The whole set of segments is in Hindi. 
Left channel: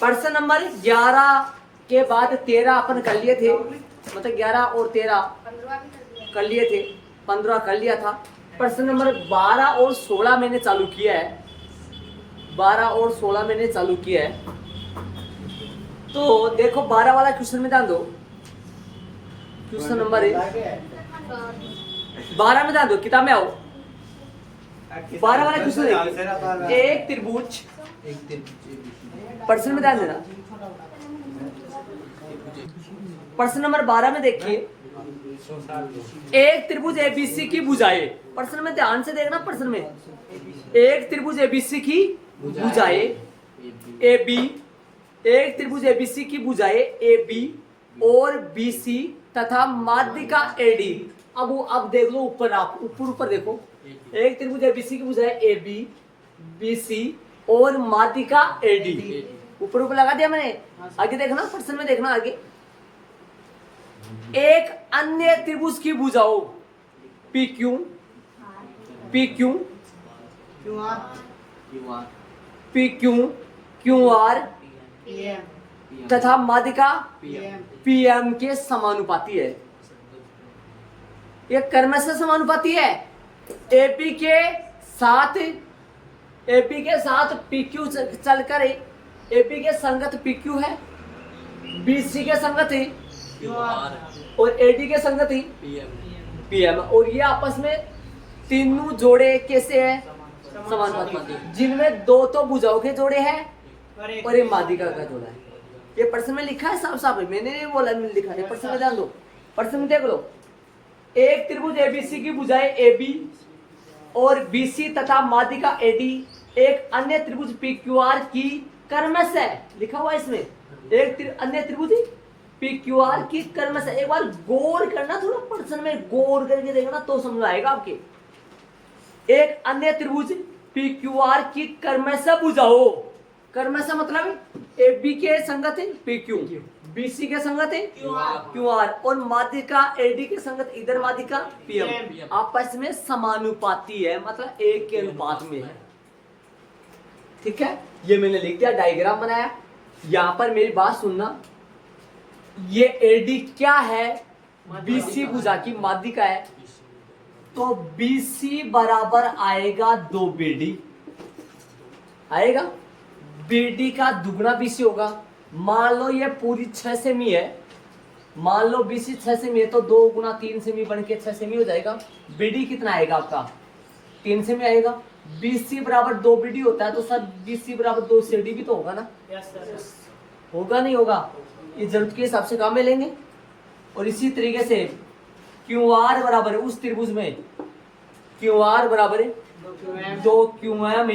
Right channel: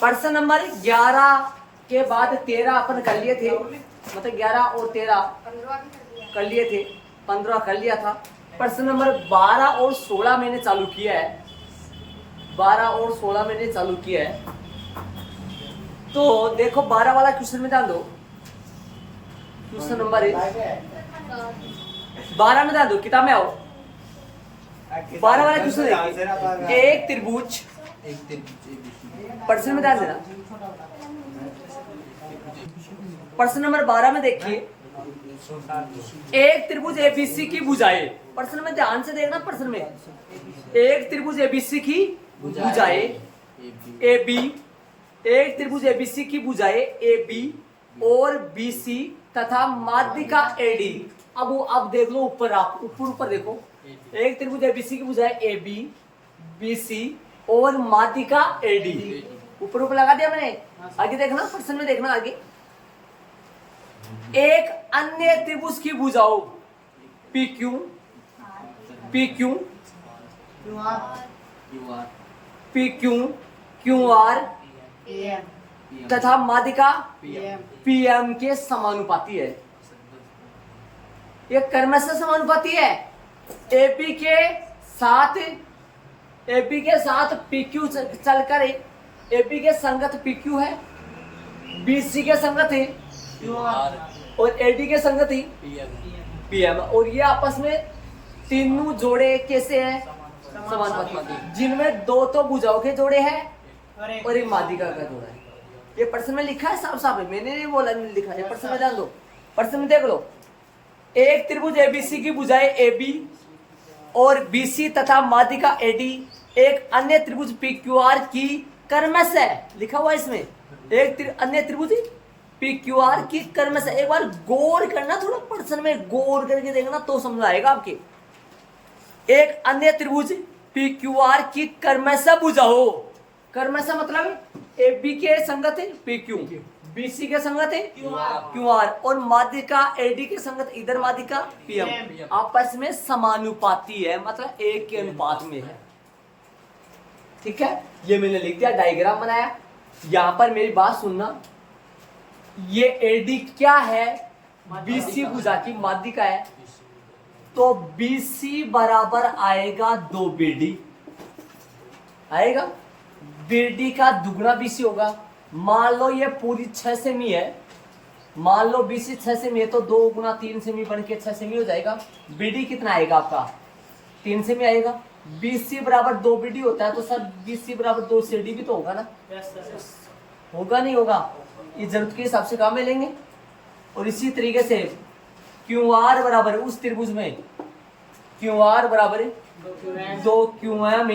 प्रश्न नंबर 11 के बाद 13 अपन कर लिए थे, मतलब 11 और 13 कर लिए थे, 15 कर लिया था। प्रश्न नंबर 12 और 16 मैंने चालू किया है, 12 और 16 मैंने चालू किया है। तो देखो 12 वाला क्वेश्चन में ध्यान दो, क्वेश्चन नंबर 12 में ध्यान दो, किताब में आओ। 12 वाला क्वेश्चन देखिए, एक त्रिभुज, प्रश्न में ध्यान देना। प्रश्न नंबर 12 में देखिए, एक त्रिभुज एबीसी की भुजाएं, प्रश्न में ध्यान से देखना। प्रश्न में एक त्रिभुज एबीसी की भुजाएं AB, एक त्रिभुज एबीसी की भुजाएं AB और BC तथा माध्यिका AD। अब देख लो ऊपर, आप ऊपर देखो, एक त्रिभुज एबीसी की भुजाएं AB, BC और माध्यिका AD। ऊपर लगा दिया मैंने। आगे देखना, प्रश्न में देखना आगे, एक अन्य त्रिभुज की भुजाओं PQ, QR तथा माध्यिका PM के समानुपाती है। यह कर्म से समानुपाती है। AP के साथ PQ चलकर AP के संगत PQ है, BC के संगत है और AD के संगत ही PM, और ये आपस में तीनों जोड़े कैसे हैं? समानुपाती, जिनमें दो तो भुजाओं के जोड़े हैं और एक माध्यिका का जोड़ा है। ये प्रश्न में लिखा है, साफ साफ है, मैंने नहीं बोला, मैंने लिखा है। प्रश्न में ध्यान दो, प्रश्न में देख लो, एक त्रिभुज ABC की भुजाएं AB और BC तथा माध्यिका AD एक अन्य त्रिभुज PQR की कर्मश है, लिखा हुआ है इसमें, एक अन्य त्रिभुज PQR की कर्मश है। एक बार गौर करना, थोड़ा प्रश्न में गौर करके देखना तो समझ आएगा आपके। एक अन्य त्रिभुज PQR की कर्मश भुजाओं, कर्मश मतलब AB के संगत है PQ, BC के संगत है QR और माध्यिका AD के संगत इधर माध्यिका PM आपस में समानुपाती है, मतलब एक के अनुपात में है। ठीक है, ये मैंने लिख दिया, डायग्राम बनाया। यहां पर मेरी बात सुनना, ये AD क्या है? BC भुजा की माध्यिका है, तो BC बराबर आएगा 2BD आएगा, BD का दुगना BC होगा। मान लो ये पूरी 6 सेमी है, मान लो BC 6 सेमी है, तो 2 गुना 3 सेमी बन के 6 सेमी हो जाएगा। BD कितना आएगा आपका? 3 सेमी आएगा। BC बराबर 2BD होता है, तो सर BC बराबर 2 CD भी तो होगा ना? होगा नहीं होगा? ये जरूरत के हिसाब से काम में लेंगे। और इसी तरीके से QR बराबर उस त्रिभुज में QR बराबर 2QM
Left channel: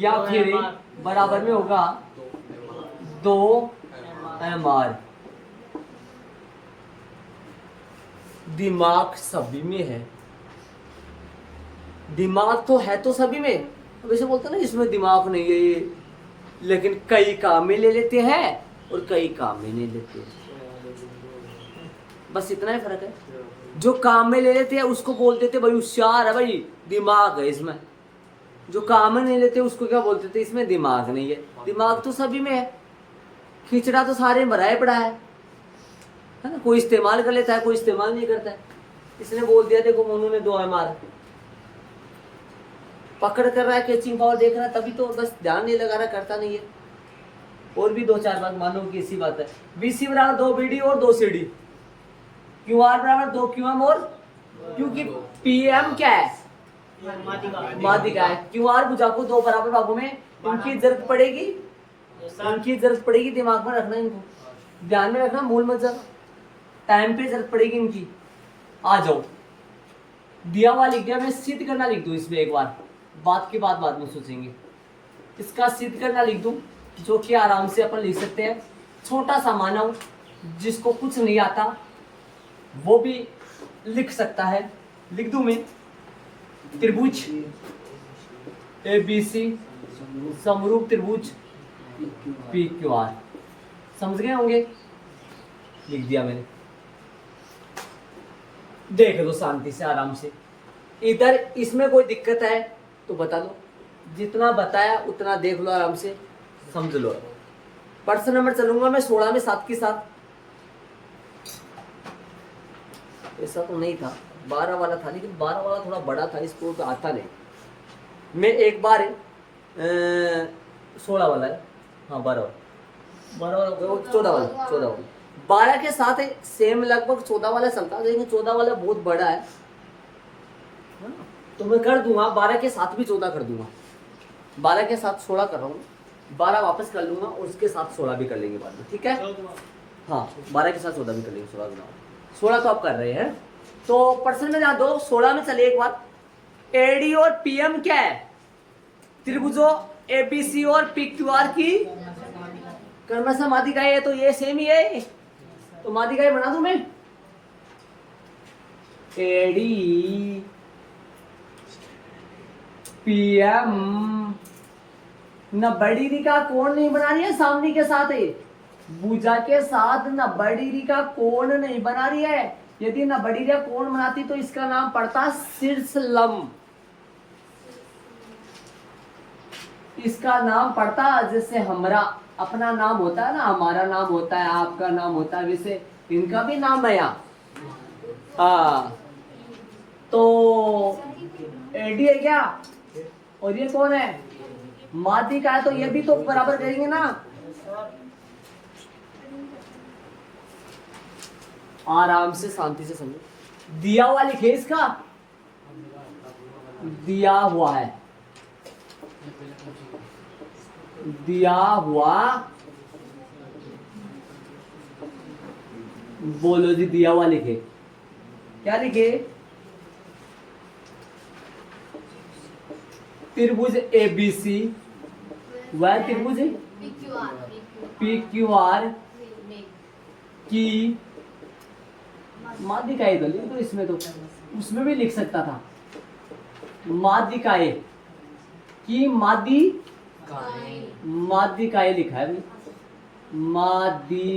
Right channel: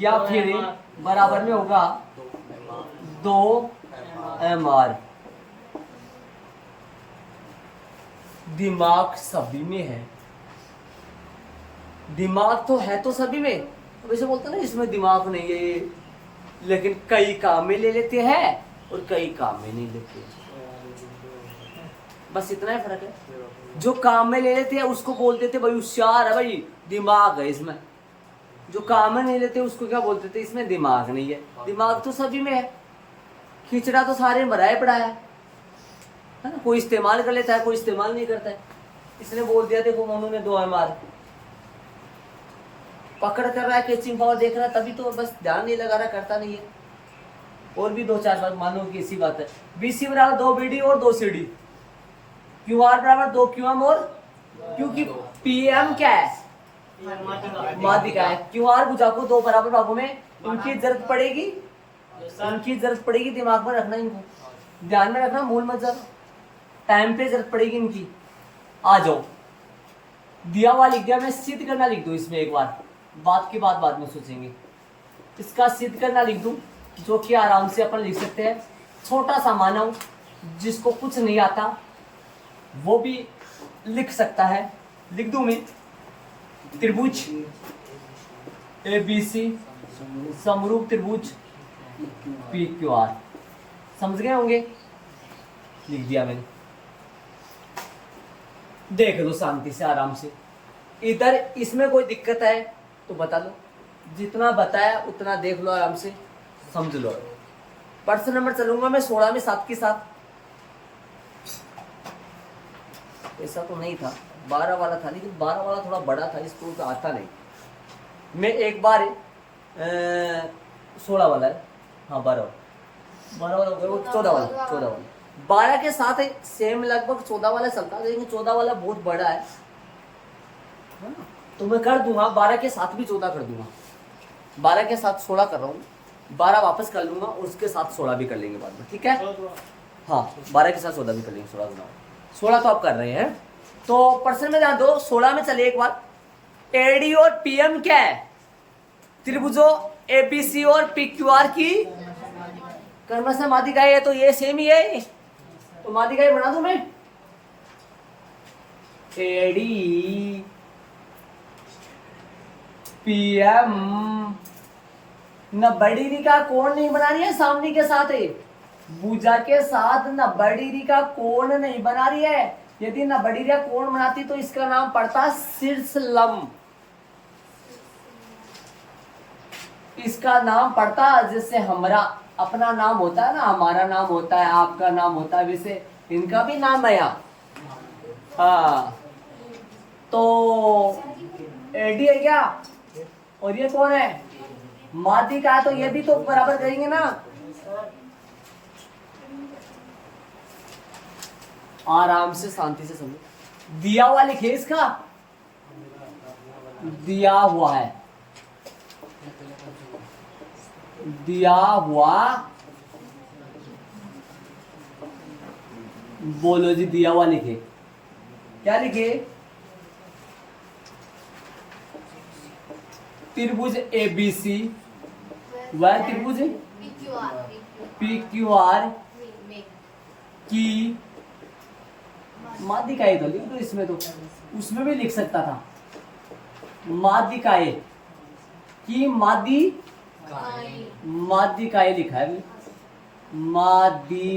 या फिर बराबर में होगा 2MR। दिमाग सभी में है, दिमाग तो है तो सभी में, वैसे बोलते हैं ना इसमें दिमाग नहीं है, लेकिन कई काम में ले लेते हैं और कई काम में नहीं लेते, बस इतना ही फर्क है। जो काम में ले लेते हैं उसको बोल देते भाई होशियार है, भाई दिमाग है इसमें। जो काम में नहीं लेते उसको क्या बोलते थे? इसमें दिमाग नहीं है। दिमाग तो सभी में है, खिचड़ा तो सारे में भराए पड़ा है ना? कोई इस्तेमाल कर लेता है, कोई इस्तेमाल नहीं करता है। इसने बोल दिया देखो मोनू ने 2MR पकड़ कर रहा है, कैचिंग पावर देख रहा है, तभी तो बस ध्यान नहीं लगा रहा, करता नहीं है। और भी 2-4 बात मानो कि इसी बात है। BC बराबर 2BD और 2CD, QR बराबर 2QM और, क्योंकि PM क्या है? माध्यिका है। QR भुजा को 2 बराबर भागों में उनकी जरूरत पड़ेगी, दिमाग में रखना, इनको ध्यान में रखना, मूल मत जाना, टाइम पे जरूरत पड़ेगी इनकी। आ जाओ, दिया हुआ लिख दिया, मैं सिद्ध करना लिख दूं इसमें एक बार, बात की बात बाद में सोचेंगे। इसका सिद्ध करना लिख दूं, जो कि आराम से अपन लिख सकते हैं। छोटा सा मानव जिसको कुछ नहीं आता वो भी लिख सकता है, लिख दूं मैं। त्रिभुज ABC समरूप त्रिभुज PQR, समझ गए होंगे? लिख दिया मैंने, देख लो शांति से आराम से। इधर इसमें कोई दिक्कत है तो बता दो, जितना बताया उतना देख लो आराम से, समझ लो। पर्सन नंबर चलूंगा मैं 16 में 7 के साथ। ऐसा तो नहीं था, 12 वाला था, लेकिन 12 वाला थोड़ा बड़ा था, इसको तो आता नहीं। मैं एक बार 16 वाला है, हाँ 12 वाला, 14 वाला, 14 वाला 12 के साथ सेम लगभग 14 वाला चलता है, लेकिन 14 वाला बहुत बड़ा है, तो मैं कर दूंगा 12 के साथ भी 14 कर दूंगा। 12 के साथ 16 कर रहा हूँ, 12 वापस कर लूंगा और उसके साथ 16 भी कर लेंगे बाद में, ठीक है। हाँ 12 के साथ 14 भी कर लेंगे, 16 तो आप कर रहे हैं। तो पर्सन में ध्यान दो, 16 में चले एक बार। एडी और पीएम क्या है? त्रिभुजों एबीसी और पीक्यूआर की क्रमशः माध्यिकाएं है, तो ये सेम ही है, तो माध्यिकाएं बना दूं मैं। एडी पीएम न बड़ी री का कोण नहीं बना रही है सामने के साथ है, भुजा के साथ न बड़ी री का कोण नहीं बना रही है। यदि न बड़ी री का कोण बनाती तो इसका नाम पड़ता शीर्ष लंब, इसका नाम पड़ता, जैसे हमारा अपना नाम होता है ना, हमारा नाम होता है, आपका नाम होता है, वैसे इनका भी नाम है यहाँ। तो एडी है क्या, और ये कौन है? माध्यिका है, तो ये भी तो बराबर करेंगे ना। आराम से शांति से समझो। दिया हुआ लिखे इसका, दिया हुआ है, दिया हुआ, बोलो जी, दिया हुआ लिखे, क्या लिखे? त्रिभुज एबीसी वह त्रिभुज पीक्यूआर की माध्यिकाएं, तो लिख दो इसमें, तो उसमें भी लिख सकता था माध्यिकाएं की, माध्यिकाएं लिखा है, माध्यिकाएं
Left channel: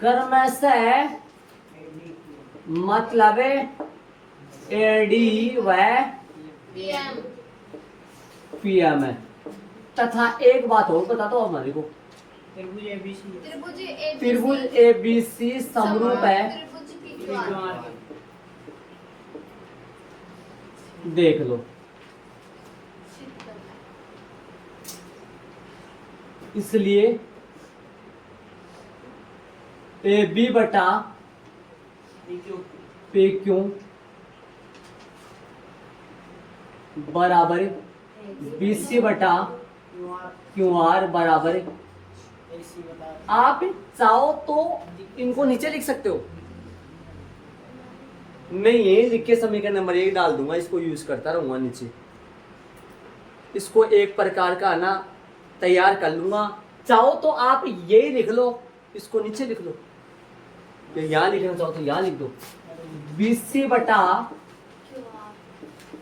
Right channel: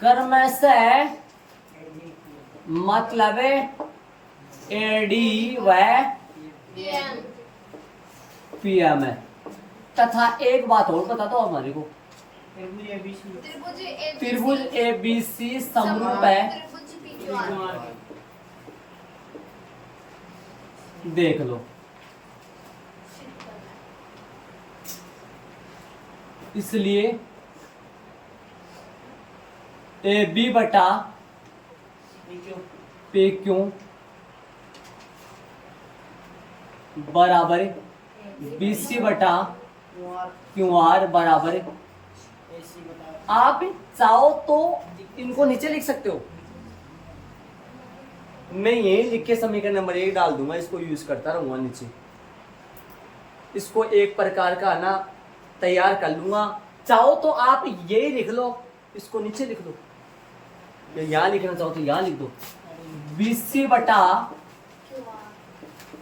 कर्मशः मतलब एडी व पीएम है। तथा एक बात और बता दो हमारे को, त्रिभुज एबीसी समरूप है, देख लो, इसलिए ए बी बटा पी क्यू बराबर बी सी बटा क्यू आर बराबर। आप चाहो तो इनको नीचे लिख सकते हो, मैं ये लिख के समीकरण नंबर 1 डाल दूंगा, इसको यूज करता रहूंगा नीचे, इसको एक प्रकार का ना तैयार कर लूंगा। चाहो तो आप ये लिख लो, इसको नीचे लिख लो, यहां लिखना चाहो तो यहां लिख दो, बीसी बटा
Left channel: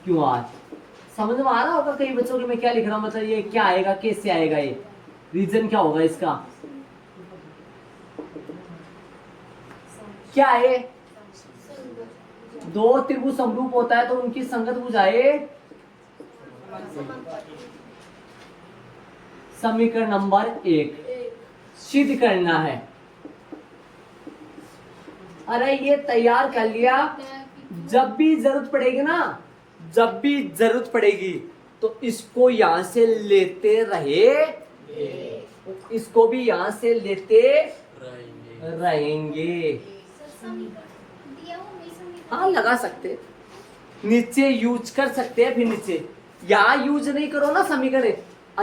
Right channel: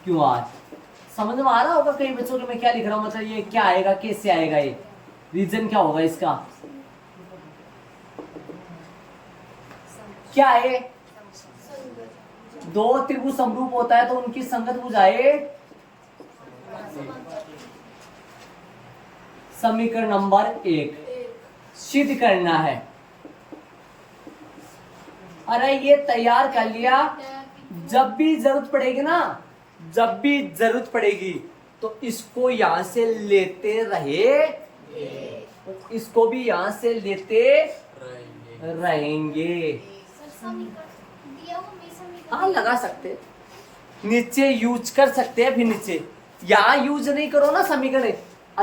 क्यू आर। समझ में आ रहा होगा कई बच्चों के मैं क्या लिख रहा हूं, मतलब ये क्या आएगा, कैसे आएगा, ये रीजन क्या होगा इसका, क्या है? दो त्रिभुज समरूप होता है तो उनकी संगत भुजाएं, समीकरण नंबर 1 सिद्ध करना है। अरे ये तैयार कर लिया, जब भी जरूरत पड़ेगी ना, जब भी जरूरत पड़ेगी तो इसको यहां से लेते रहे, इसको भी यहां से लेते रहेंगे। हाँ लगा सकते, नीचे यूज कर सकते हैं, फिर नीचे यहां यूज नहीं करो ना समीकरण,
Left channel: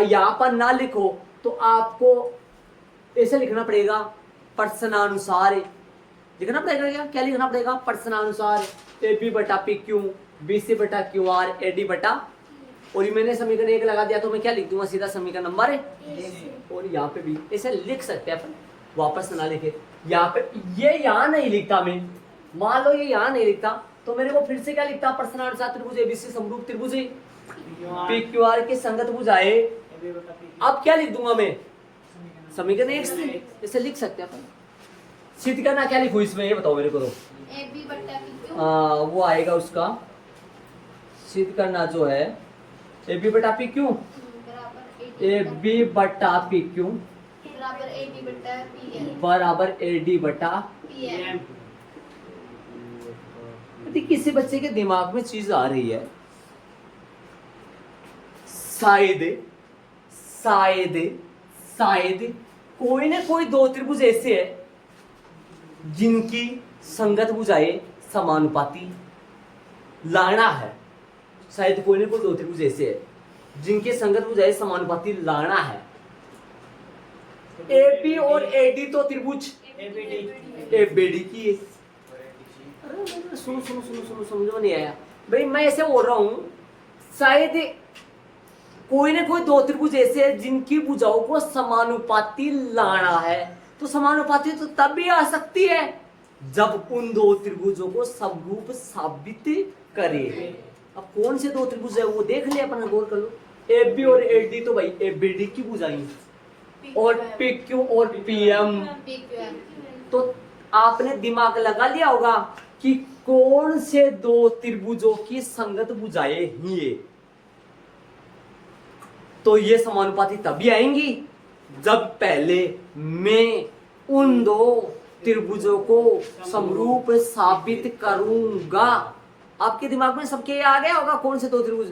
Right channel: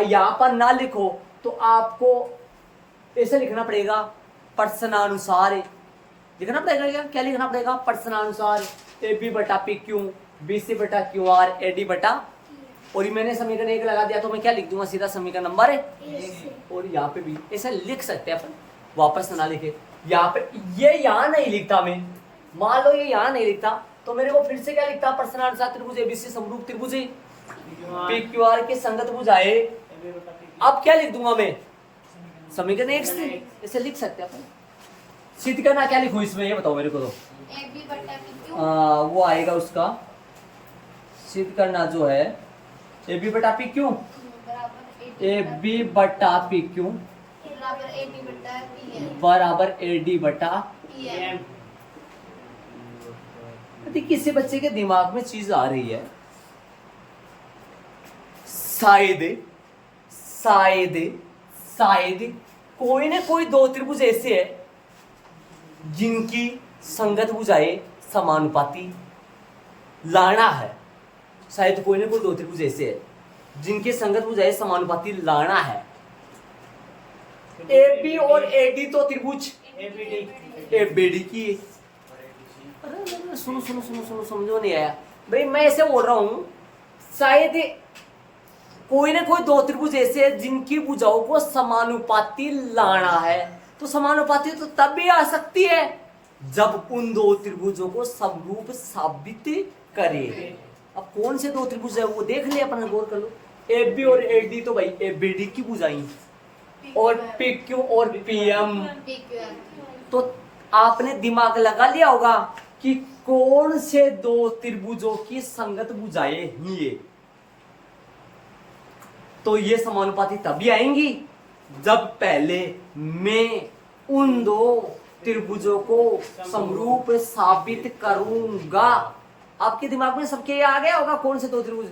यहां पर ना लिखो तो आपको ऐसे लिखना पड़ेगा, प्रश्नानुसार लिखना पड़ेगा। क्या लिखना पड़ेगा? प्रश्नानुसार ए बी बटा पी क्यू, बी सी बटा क्यू आर, ए डी बटा, और ये मैंने समीकरण 1 लगा दिया तो मैं क्या लिख दूंगा सीधा समीकरण नंबर, और यहाँ पे भी ऐसे लिख सकते हैं अपन, वापस ना लिखे। यहाँ पे ये यहाँ नहीं लिखता मैं, मान लो ये यहाँ नहीं लिखता तो मेरे को फिर से क्या लिखता, प्रश्नानुसार त्रिभुज एबीसी समरूप त्रिभुज पी क्यू आर के संगत भुजाएं। अब क्या लिख दूंगा मैं, समीकरण 1 से ऐसे लिख सकते हैं अपन। सिद्ध करना क्या लिखूं इसमें, ये बताओ मेरे को। तो वो आएगा उसका सिद्ध करना जो है ए बी बटा पी क्यू, ए बी बटा पी क्यू बराबर ए डी बटा PM। यदि किसी बच्चे के दिमाग में चीज आ रही है, शायद शायद शायद कोई ना कोई दो त्रिभुज ऐसे है जिनकी संगत भुजाएं समानुपाती लाना है। शायद कोई ना कोई दो त्रिभुज ऐसे है जिनके संगत भुजाएं समानुपाती लाना है। ए बी और ए डी तो त्रिभुज ए बी डी की है। सुनो सुनो सुनो सुनो, समझो नहीं आया भाई, मैं ऐसे बोल रहा हूं शायद कोई ना कोई दो त्रिभुज ऐसे है जिनकी भुजाओं को समानुपाती लाना है। तो समानुपाती तो तब भी आ सकती है जब उन दो त्रिभुजों को समरूप साबित करे। अब कौन से दो त्रिभुज है वो देख ले, अपना गौर कर लो। ए बी और ए डी तो भाई ए बी डी की भुजाएं, और पी क्यू और पी एम। तो आपने दिमाग लगा लिया होगा कि कौन से दो त्रिभुजों की संगत भुजाएं हैं ये। तो ये समानुपाती तभी आएंगी जब पहले मैं उन दो त्रिभुजों को समरूप साबित करूंगा। आपके दिमाग में सबके ये आ गया होगा कौन से दो त्रिभुज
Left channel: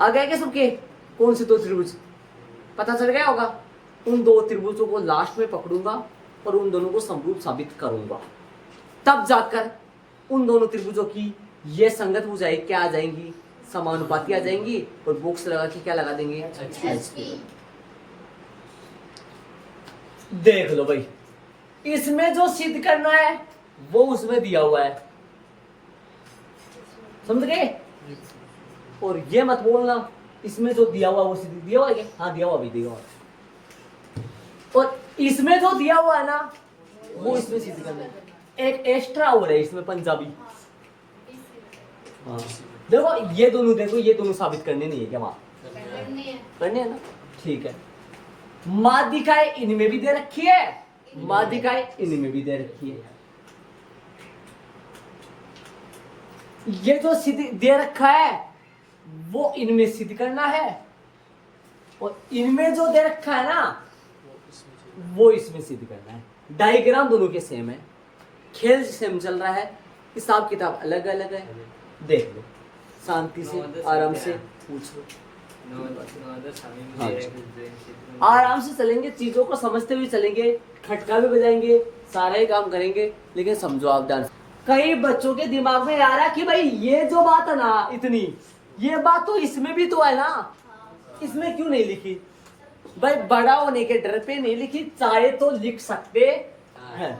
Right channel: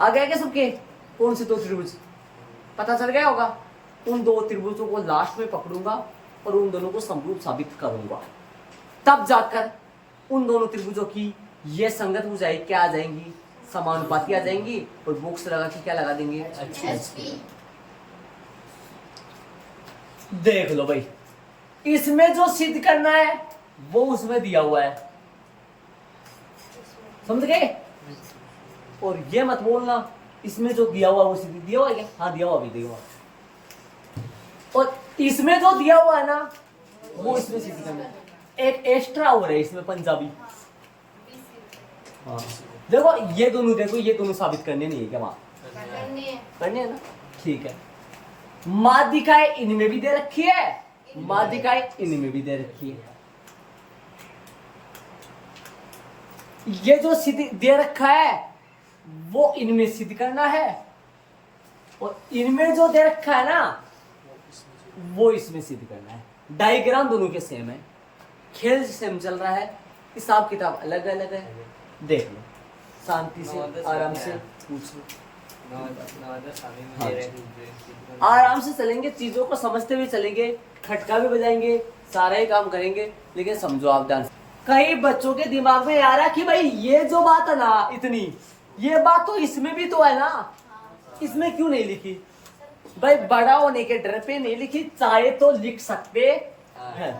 आ गया क्या सबके, कौन से दो त्रिभुज पता चल गया होगा। उन दो त्रिभुजों को लास्ट में पकड़ूंगा और उन दोनों को समरूप साबित करूंगा, तब जाकर उन दोनों त्रिभुजों की ये संगत भुजाएं क्या आ जाएंगी, समानुपाती आ जाएंगी। और बॉक्स लगा के क्या लगा देंगे, देख लो भाई, इसमें जो सिद्ध करना है वो उसमें दिया हुआ है, समझ गए। और ये मत बोलना इसमें जो दिया हुआ वो सिद्ध दिया हुआ है क्या, हाँ दिया हुआ भी दिया हुआ है। और इसमें जो दिया हुआ है ना वो इसमें सिद्ध करना है। एक एक्स्ट्रा हो रहा है इसमें पंजाबी। हाँ देखो ये दोनों, देखो ये दोनों साबित करने नहीं है क्या, वहां करने है ना, ठीक है। माध्यिकाएं इनमें भी दे रखी है, माध्यिकाएं इनमें भी दे रखी है। ये जो सिद्ध दे रखा है वो इनमें सिद्ध करना है, और इनमें जो दे रखा है ना वो इसमें सिद्ध करना है। डायग्राम दोनों के सेम है, खेल सेम चल रहा है, हिसाब किताब अलग अलग है। देख लो शांति से आराम से पूछ लो, आराम से चलेंगे, चीजों को समझते हुए चलेंगे, खटका भी बजाएंगे, सारा ही काम करेंगे। लेकिन समझो आप ध्यान, कई बच्चों के दिमाग में आ रहा है कि भाई ये जो बात है ना इतनी, ये बात तो इसमें भी तो है ना, इसमें क्यों नहीं लिखी। भाई बड़ा होने के डर पे नहीं लिखी, चाहे तो लिख सकते हैं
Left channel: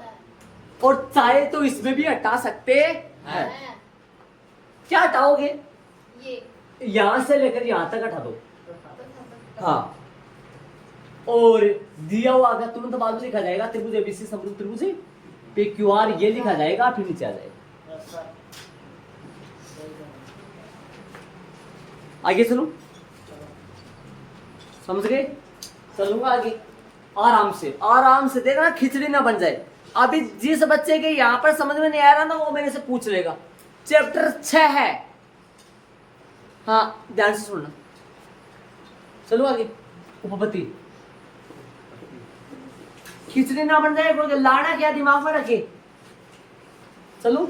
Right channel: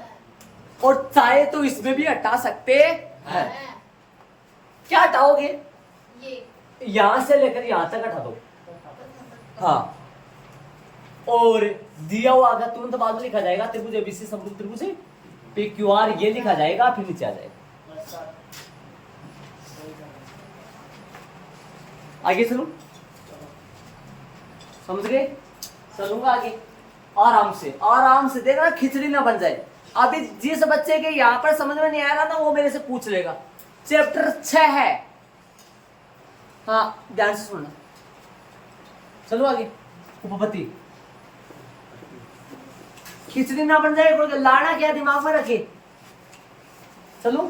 और चाहे तो इसमें भी हटा सकते हैं। क्या हटाओगे, यहां से लेकर यहां तक हटा दो, हाँ। और दिया हुआ अगर तुरंत बाद में लिखा जाएगा त्रिभुज एबीसी समरूप त्रिभुज पे क्यू आर, ये लिखा जाएगा फिर नीचे आ जाएगा। आगे चलो, समझ गए, चलूंगा आगे आराम से, आराम से देखना खिचड़ी ना बन जाए। अभी जिस बच्चे के यहाँ पर समझ में नहीं आ रहा ना वो मेरे से पूछ लेगा। चैप्टर 6 है, हाँ ध्यान से सुनना। चलो आगे, उपपत्ति। खिचड़ी ना बन जाए, लाना क्या दिमाग में रखे। चलो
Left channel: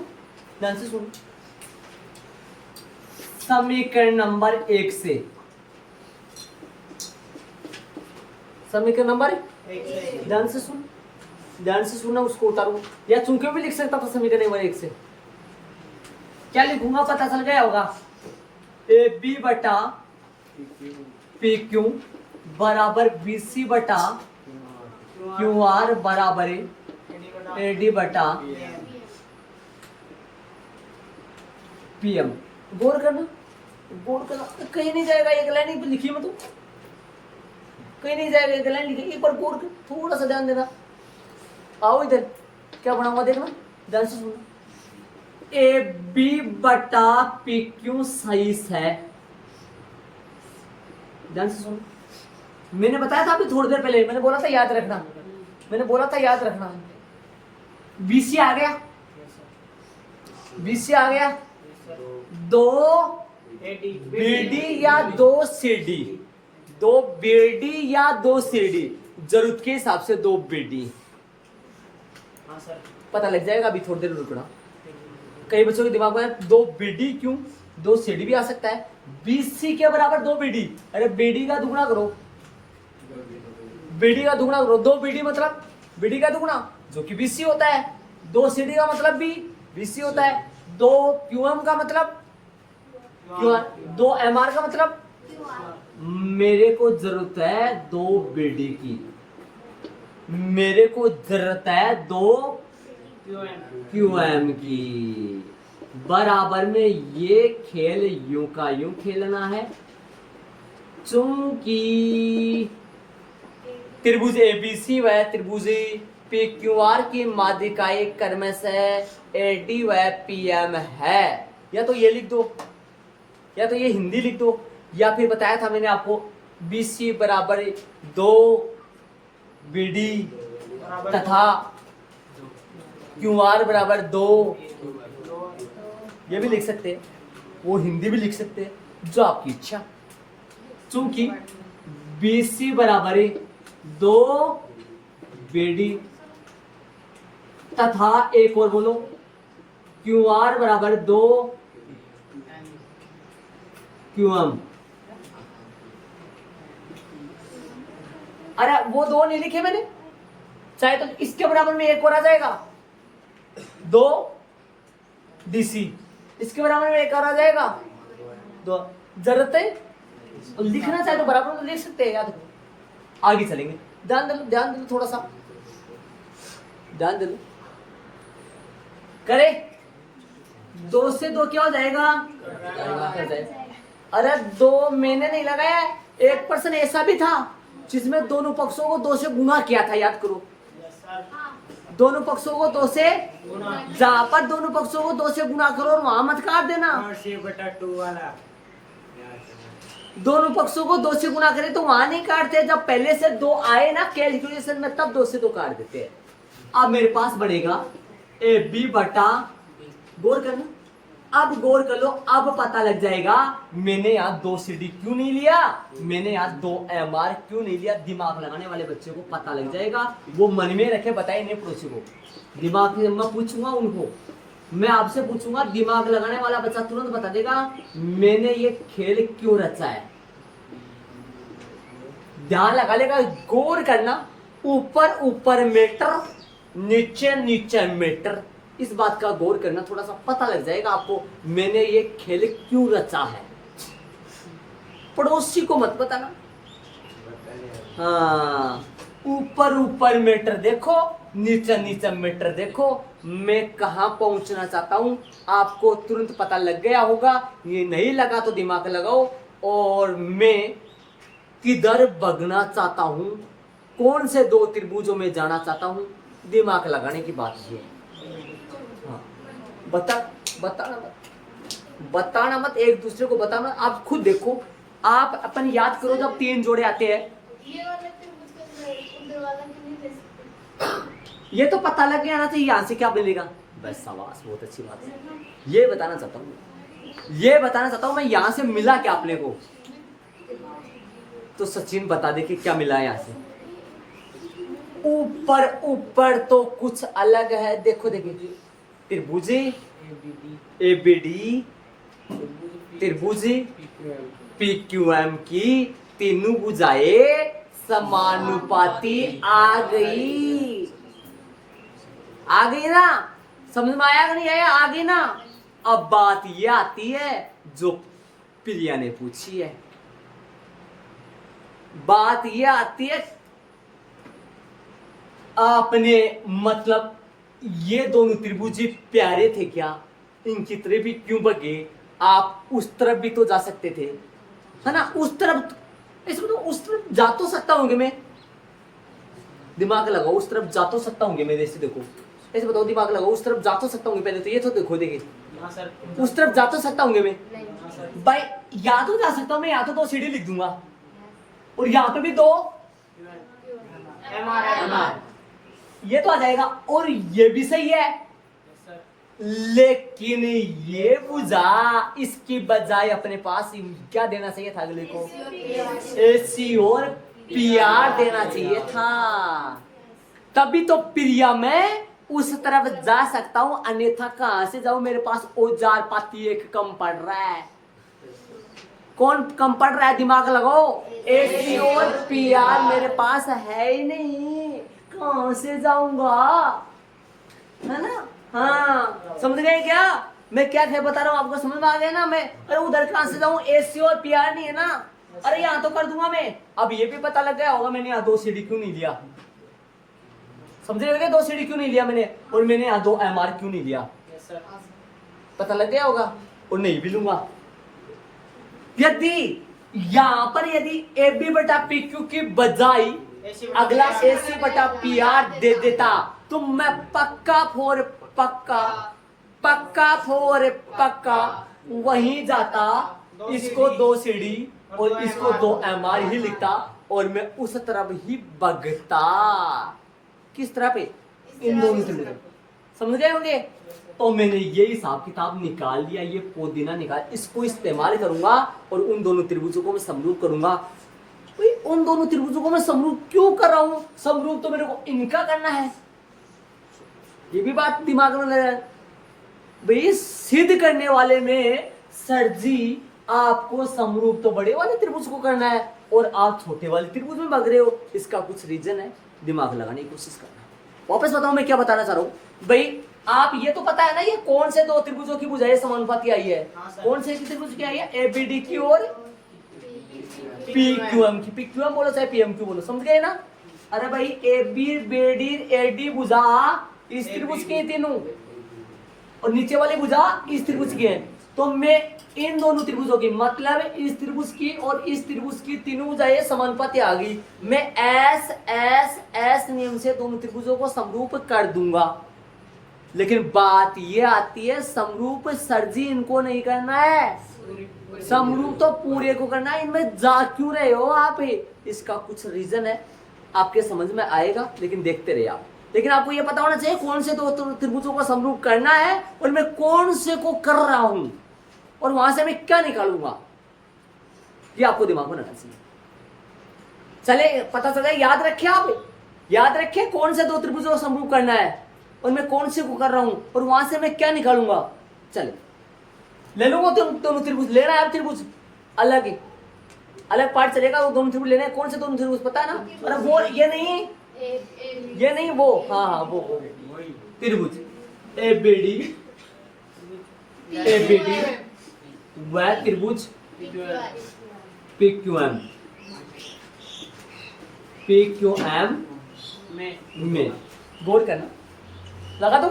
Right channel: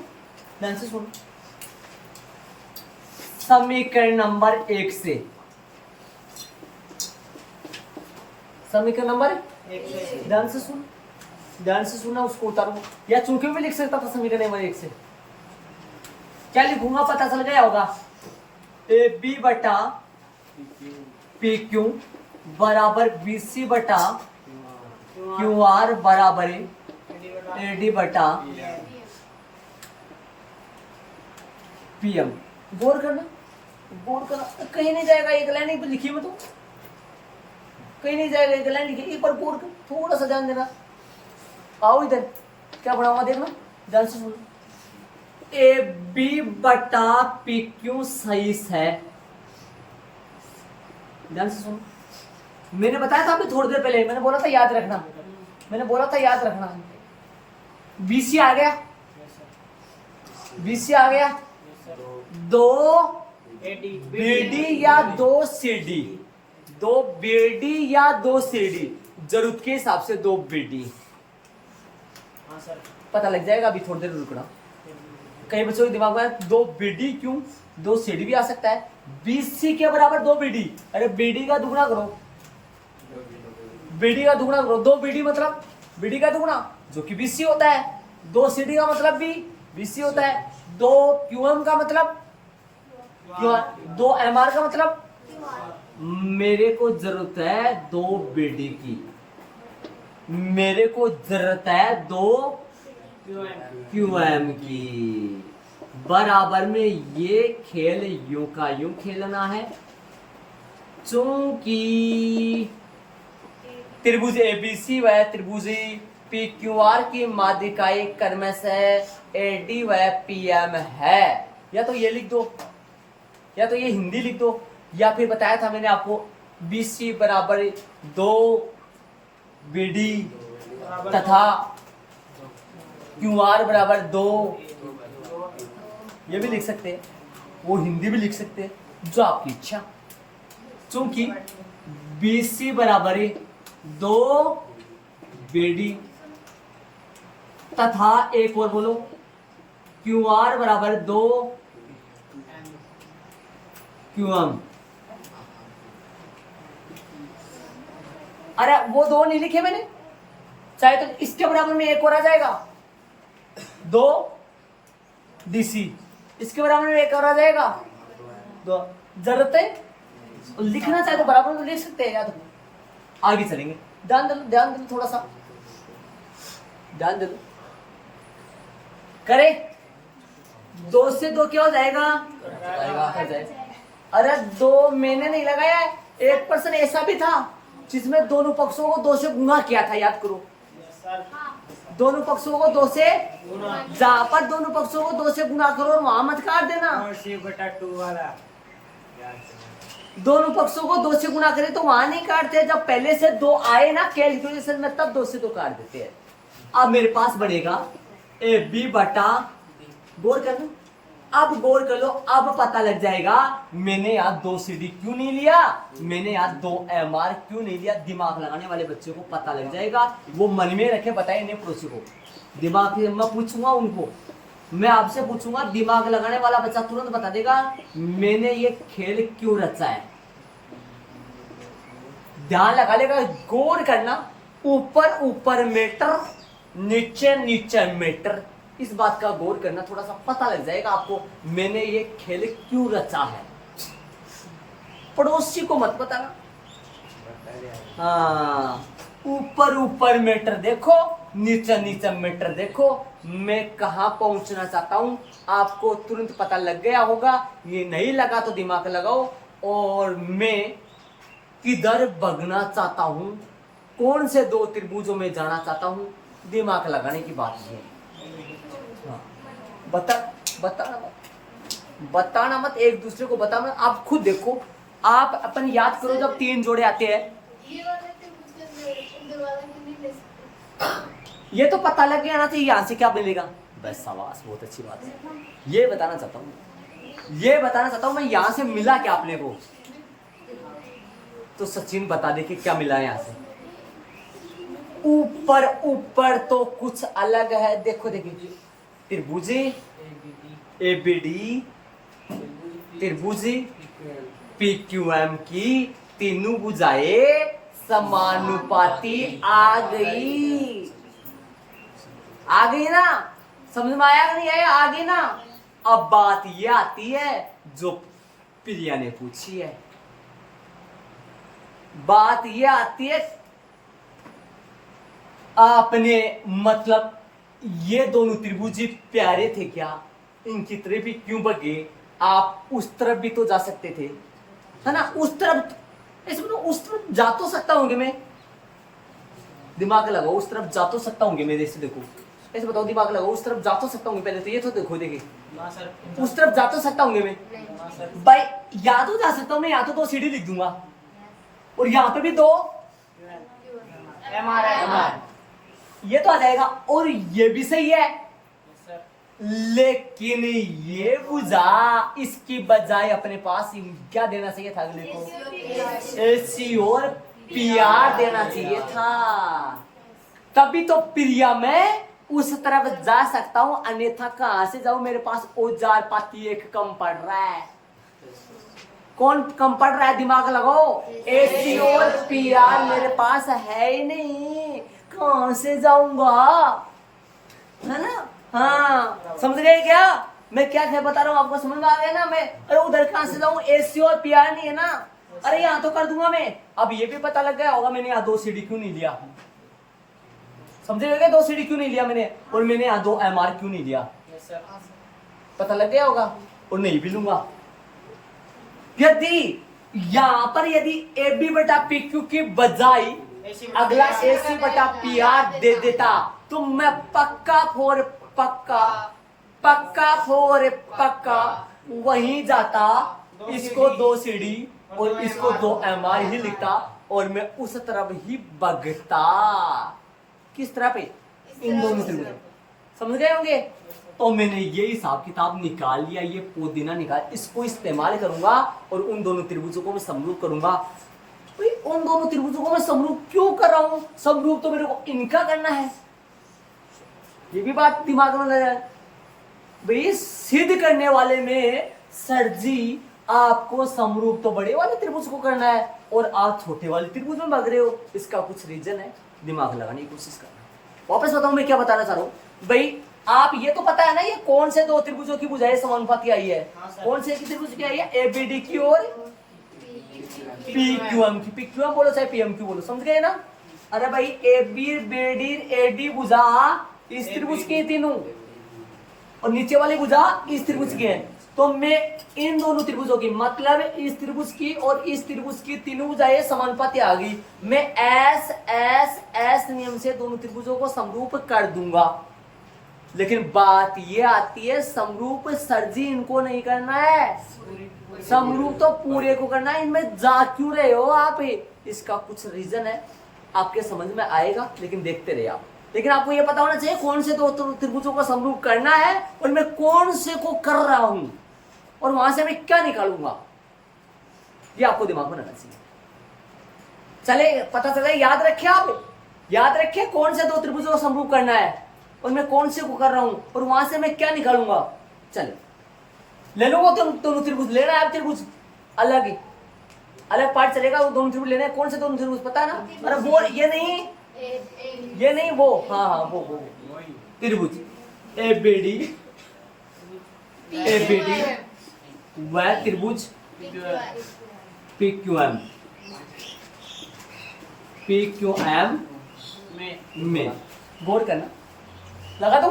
ध्यान से सुनो, समीकरण नंबर 1 से, समीकरण नंबर 1 ध्यान से सुन, ध्यान से सुनना, उसको उतारो या चूंकि भी लिख सकता था। समीकरण नंबर 1 से क्या लिखूंगा पता चल गया होगा। ए बी बटा पी क्यू बराबर बी सी बटा क्यू आर बराबर ए डी बटा पी एम। गौर करना, गौर करना, कहीं नहीं जाएगा एक लाइन तो लिखी मत, कहीं नहीं जाएगा एक लाइन लिखी। एक बार गौर कर, थोड़ा सा ध्यान देना। आओ इधर, क्या बना हुआ देखना, ध्यान से सुनो। ए बी बटा पी क्यू सही है, ध्यान से सुनो। मैंने बताया था अभी थोड़ी देर पहले, मैंने बोला था याद रखना, मैंने बोला था याद रखना। बीसी आ गया, बीसी आ गया, दो बीडी या दो सीडी, दो बीडी या दो सीडी, जरूरत के हिसाब से दो बीडी। पता लग जाएगा, अभी थोड़ी देर रुकना। कई बच्चों के दिमाग में दो बीडी क्यों, दो सीडी भी आ सकता है। बीसी के बराबर दो बीडी, अरे बीडी का दुगना करो, बीडी का दुगना करो। दो बीडी मतलब बीडी का दुगना जो कि बीसी होता है, दो सीडी का मतलब भी बीसी होता है, दो क्यूएम का मतलब क्यूआर, दो एमआर का मतलब। मेरे को जरूरत है दो बीडी की, मेरे को जरूरत है दो क्यूएम की। बराबर में ये खेल यूं का यूं खेलना है, चूंकि त्रिभुज एबीसी व त्रिभुज पी क्यू आर की माध्यिकाएं क्रमशः एडी व पीएम है। या तो ये लिख दो, या तो ये हिंदी लिख दो, या फिर बताया था मैंने आपको बीसी बराबर दो बीडी तथा क्यूआर बराबर दो, ये भी लिख सकते हैं, वो हिंदी भी लिख सकते हैं, जो आपकी इच्छा। चूंकि बीसी बराबर दो बीडी तथा एक और बोलो क्यूआर बराबर दो क्यूएम। अरे वो दो नहीं लिखे मैंने, चाहे तो इसके बराबर में एक और आ जाएगा, दो डीसी, इसके बराबर में एक और आ जाएगा दो। जरूरत है लिखना चाहे तो बराबर में लिख सकते हैं, या तो आगे चलेंगे। ध्यान दे लो, ध्यान दे लो, थोड़ा सा ध्यान दे लो। करे दो से दो क्या हो जाएगा, अरे दो मैंने नहीं लगाया, एक पर्सन ऐसा भी था जिसमें दोनों पक्षों को दो से गुना किया था, याद करो। दोनों पक्षों को दो से, जहां पर दोनों पक्षों को दो से गुना करो और वहां मत काट देना। दोनों पक्षों को दो से गुना करे तो वहां नहीं काटते, जब पहले से दो आए ना कैलकुलेशन में तब दो से दो काट देते हैं। अब मेरे पास बनेगा ए बी बटा, गौर कर लो, अब गौर कर लो, अब पता लग जाएगा मैंने यहाँ दो सीडी क्यों नहीं लिया, मैंने यहाँ दो एमआर क्यों नहीं लिया। दिमाग लगाने वाले बच्चे को पता लग जाएगा, वो मन में रखे, बताए इन्हें पड़ोसी को। दिमाग मैं पूछूंगा उनको, मैं आपसे पूछूंगा, दिमाग लगाने वाला बच्चा तुरंत बता देगा मैंने ये खेल क्यों रचा है। ध्यान लगा लेगा, गौर करना, ऊपर ऊपर मीटर, नीचे नीचे मीटर, इस बात का गौर करना, थोड़ा सा पता लग जाएगा आपको मैंने ये खेल क्यों रचा है। पड़ोसी को मत बताना। हाँ, ऊपर ऊपर मीटर देखो, नीचे नीचे मीटर देखो, मैं कहां पहुंचना चाहता हूं आपको तुरंत पता लग गया होगा। ये नहीं लगा तो दिमाग लगाओ, और मैं किधर भगना चाहता हूं, कौन से दो त्रिभुजों में जाना चाहता हूं, दिमाग लगाने की बात है। हाँ, बताना मत, एक दूसरे को बताना। आप खुद देखो, आप अपन याद करो, जब तीन जोड़े आते हैं, ये तो पता लग गया ना चाहिए यहाँ से क्या मिलेगा। बस शाबाश, बहुत अच्छी बात है। ये बताना चाहता हूँ मैं, यहाँ से मिला क्या अपने को, तो सचिन बता दे कि क्या मिला है यहाँ से। ऊपर ऊपर तो कुछ अलग है, देखो देखिए, त्रिभुज एबीडी, त्रिभुज पीक्यूएम की तीनों भुजाएं समानुपाती आ गई ना, समझ में आया कि नहीं आया, आ गई ना। अब बात ये आती है जो प्रिया ने पूछी है, बात ये आती है आपने, मतलब ये दोनों त्रिभुज प्यारे थे क्या, इनकी तरफ भी क्यों भगे, आप उस तरफ भी तो जा सकते थे, है ना। उस तरफ, इसमें तो उस तरफ जा तो सकता हूँ मैं, दिमाग लगाओ, उस तरफ जा तो सकता हूँ मैं, जैसे देखो, ऐसे बताओ, दिमाग लगाओ, उस तरफ जा तो सकता हूँ पहले तो ये तो देखो, देखिए उस तरफ जा तो सकता हूँ मैं भाई, या तो जा सकता हूँ मैं, या तो दो सीढ़ी लिख दूंगा, और यहाँ पे भी दो एमआर, ये तो आ जाएगा। और ये भी सही है, लेकिन ये भुजा इसकी बजाय अपने पास क्या देना चाहिए था अगले को? AC और PR देना चाहिए था। तभी तो प्रिया मैं उस तरफ जा सकता हूं, अन्यथा कहां से जाऊं? मेरे पास औजार पाती एक कम पड़ रहा है। कौन कम पड़ रहा है? दिमाग लगाओ। AC और PR मेरे पास है ही नहीं, कहां से जाऊंगा? है ना? हाँ, समझ गए क्या मैं क्या बता रहा हूँ? आपको समझ में आ गया ना? मैं अरे उधर कहां से जाऊं? AC और PR नहीं है ना? अरे यहाँ तो कर दूंगा मैं। अब ये भी पता लग गया होगा मैंने यहाँ 2 CD क्यों नहीं लिया। समझे होगा 2 CD क्यों नहीं लिया मैंने, और मैंने यहाँ 2 MR क्यों नहीं लिया? पता लग गया होगा, और नहीं भी लूंगा। यदि यहाँ पर यदि AB बटा PQ की बजाय अगला AC बटा PR दे देता तो मैं पक्का फोर पक्का वहीं जाता, इसको 2 CD और इसको 2 MR ही लिखता, और मैं उस तरफ ही भगता। किस तरह पे? इन दोनों से। समझ गए होंगे? तो मैंने ये हिसाब किताब निकाल लिया, ये पोदीना निकाल, इसको इस्तेमाल करूंगा और उन दोनों त्रिभुजों को मैं समरूप करूंगा। उन दोनों त्रिभुजों को मैं समरूप क्यों कर रहा हूं? समरूप तो मेरे को इनका करना है, ये भी बात दिमाग में लगा। भाई सिद्ध करने वाले में सर जी आपको समरूप तो बड़े वाले त्रिभुज को करना है और आप छोटे वाले त्रिभुज में भाग रहे हो, इसका कुछ रीजन है, दिमाग लगाने की कोशिश करना। वापस बताऊं मैं क्या बताना चाह रहा हूं। भाई आप ये तो पता है ना, ये कौन से 2 त्रिभुजों की भुजाएं समानुपाती आई है? कौन से त्रिभुज की आई है? ABD की और PQM की। PQM बोलो चाहे PMQ बोलो, समझ गए ना? अरे भाई ABD AD भुजा इस त्रिभुज की तीनों, और नीचे वाली भुजा इस त्रिभुज की है। तो मैं इन दोनों त्रिभुजों की, मतलब इस त्रिभुज की और इस त्रिभुज की तीनों भुजाएं समानुपाती आ गई। मैं S नियम से दोनों त्रिभुजों को समरूप कर दूंगा। लेकिन बात ये आती है, समरूप सर जी इनको नहीं करना है, समरूप तो पूरे को करना है। इनमें जा क्यों रहे हो आप? इसका कुछ रीजन है, आपके समझ में आएगा, लेकिन देखते रहिए आप। लेकिन आपको ये पता होना चाहिए कौन से 2 त्रिभुजों को समरूप करना है और मैं कौन से को कर रहा हूं, और वहां से मैं क्या निकालूंगा, ये आपको दिमाग में रखना चाहिए। चले पता चले, याद रखिए आप, याद रखिए कौन से 2 त्रिभुजों को समरूप करना है और मैं कौन से को कर रहा हूं, और वहां से मैं क्या निकालूंगा। चले ले लो वो दोनों त्रिभुज, लेना है त्रिभुज अलग ही, अलग पार्ट चलेगा। वो दोनों त्रिभुज लेना है, कौन से दोनों त्रिभुज पता है ना? अरे वो ये नहीं वो, हाँ वो त्रिभुज ABD वह त्रिभुज PQM में गौर करना, लगा दो।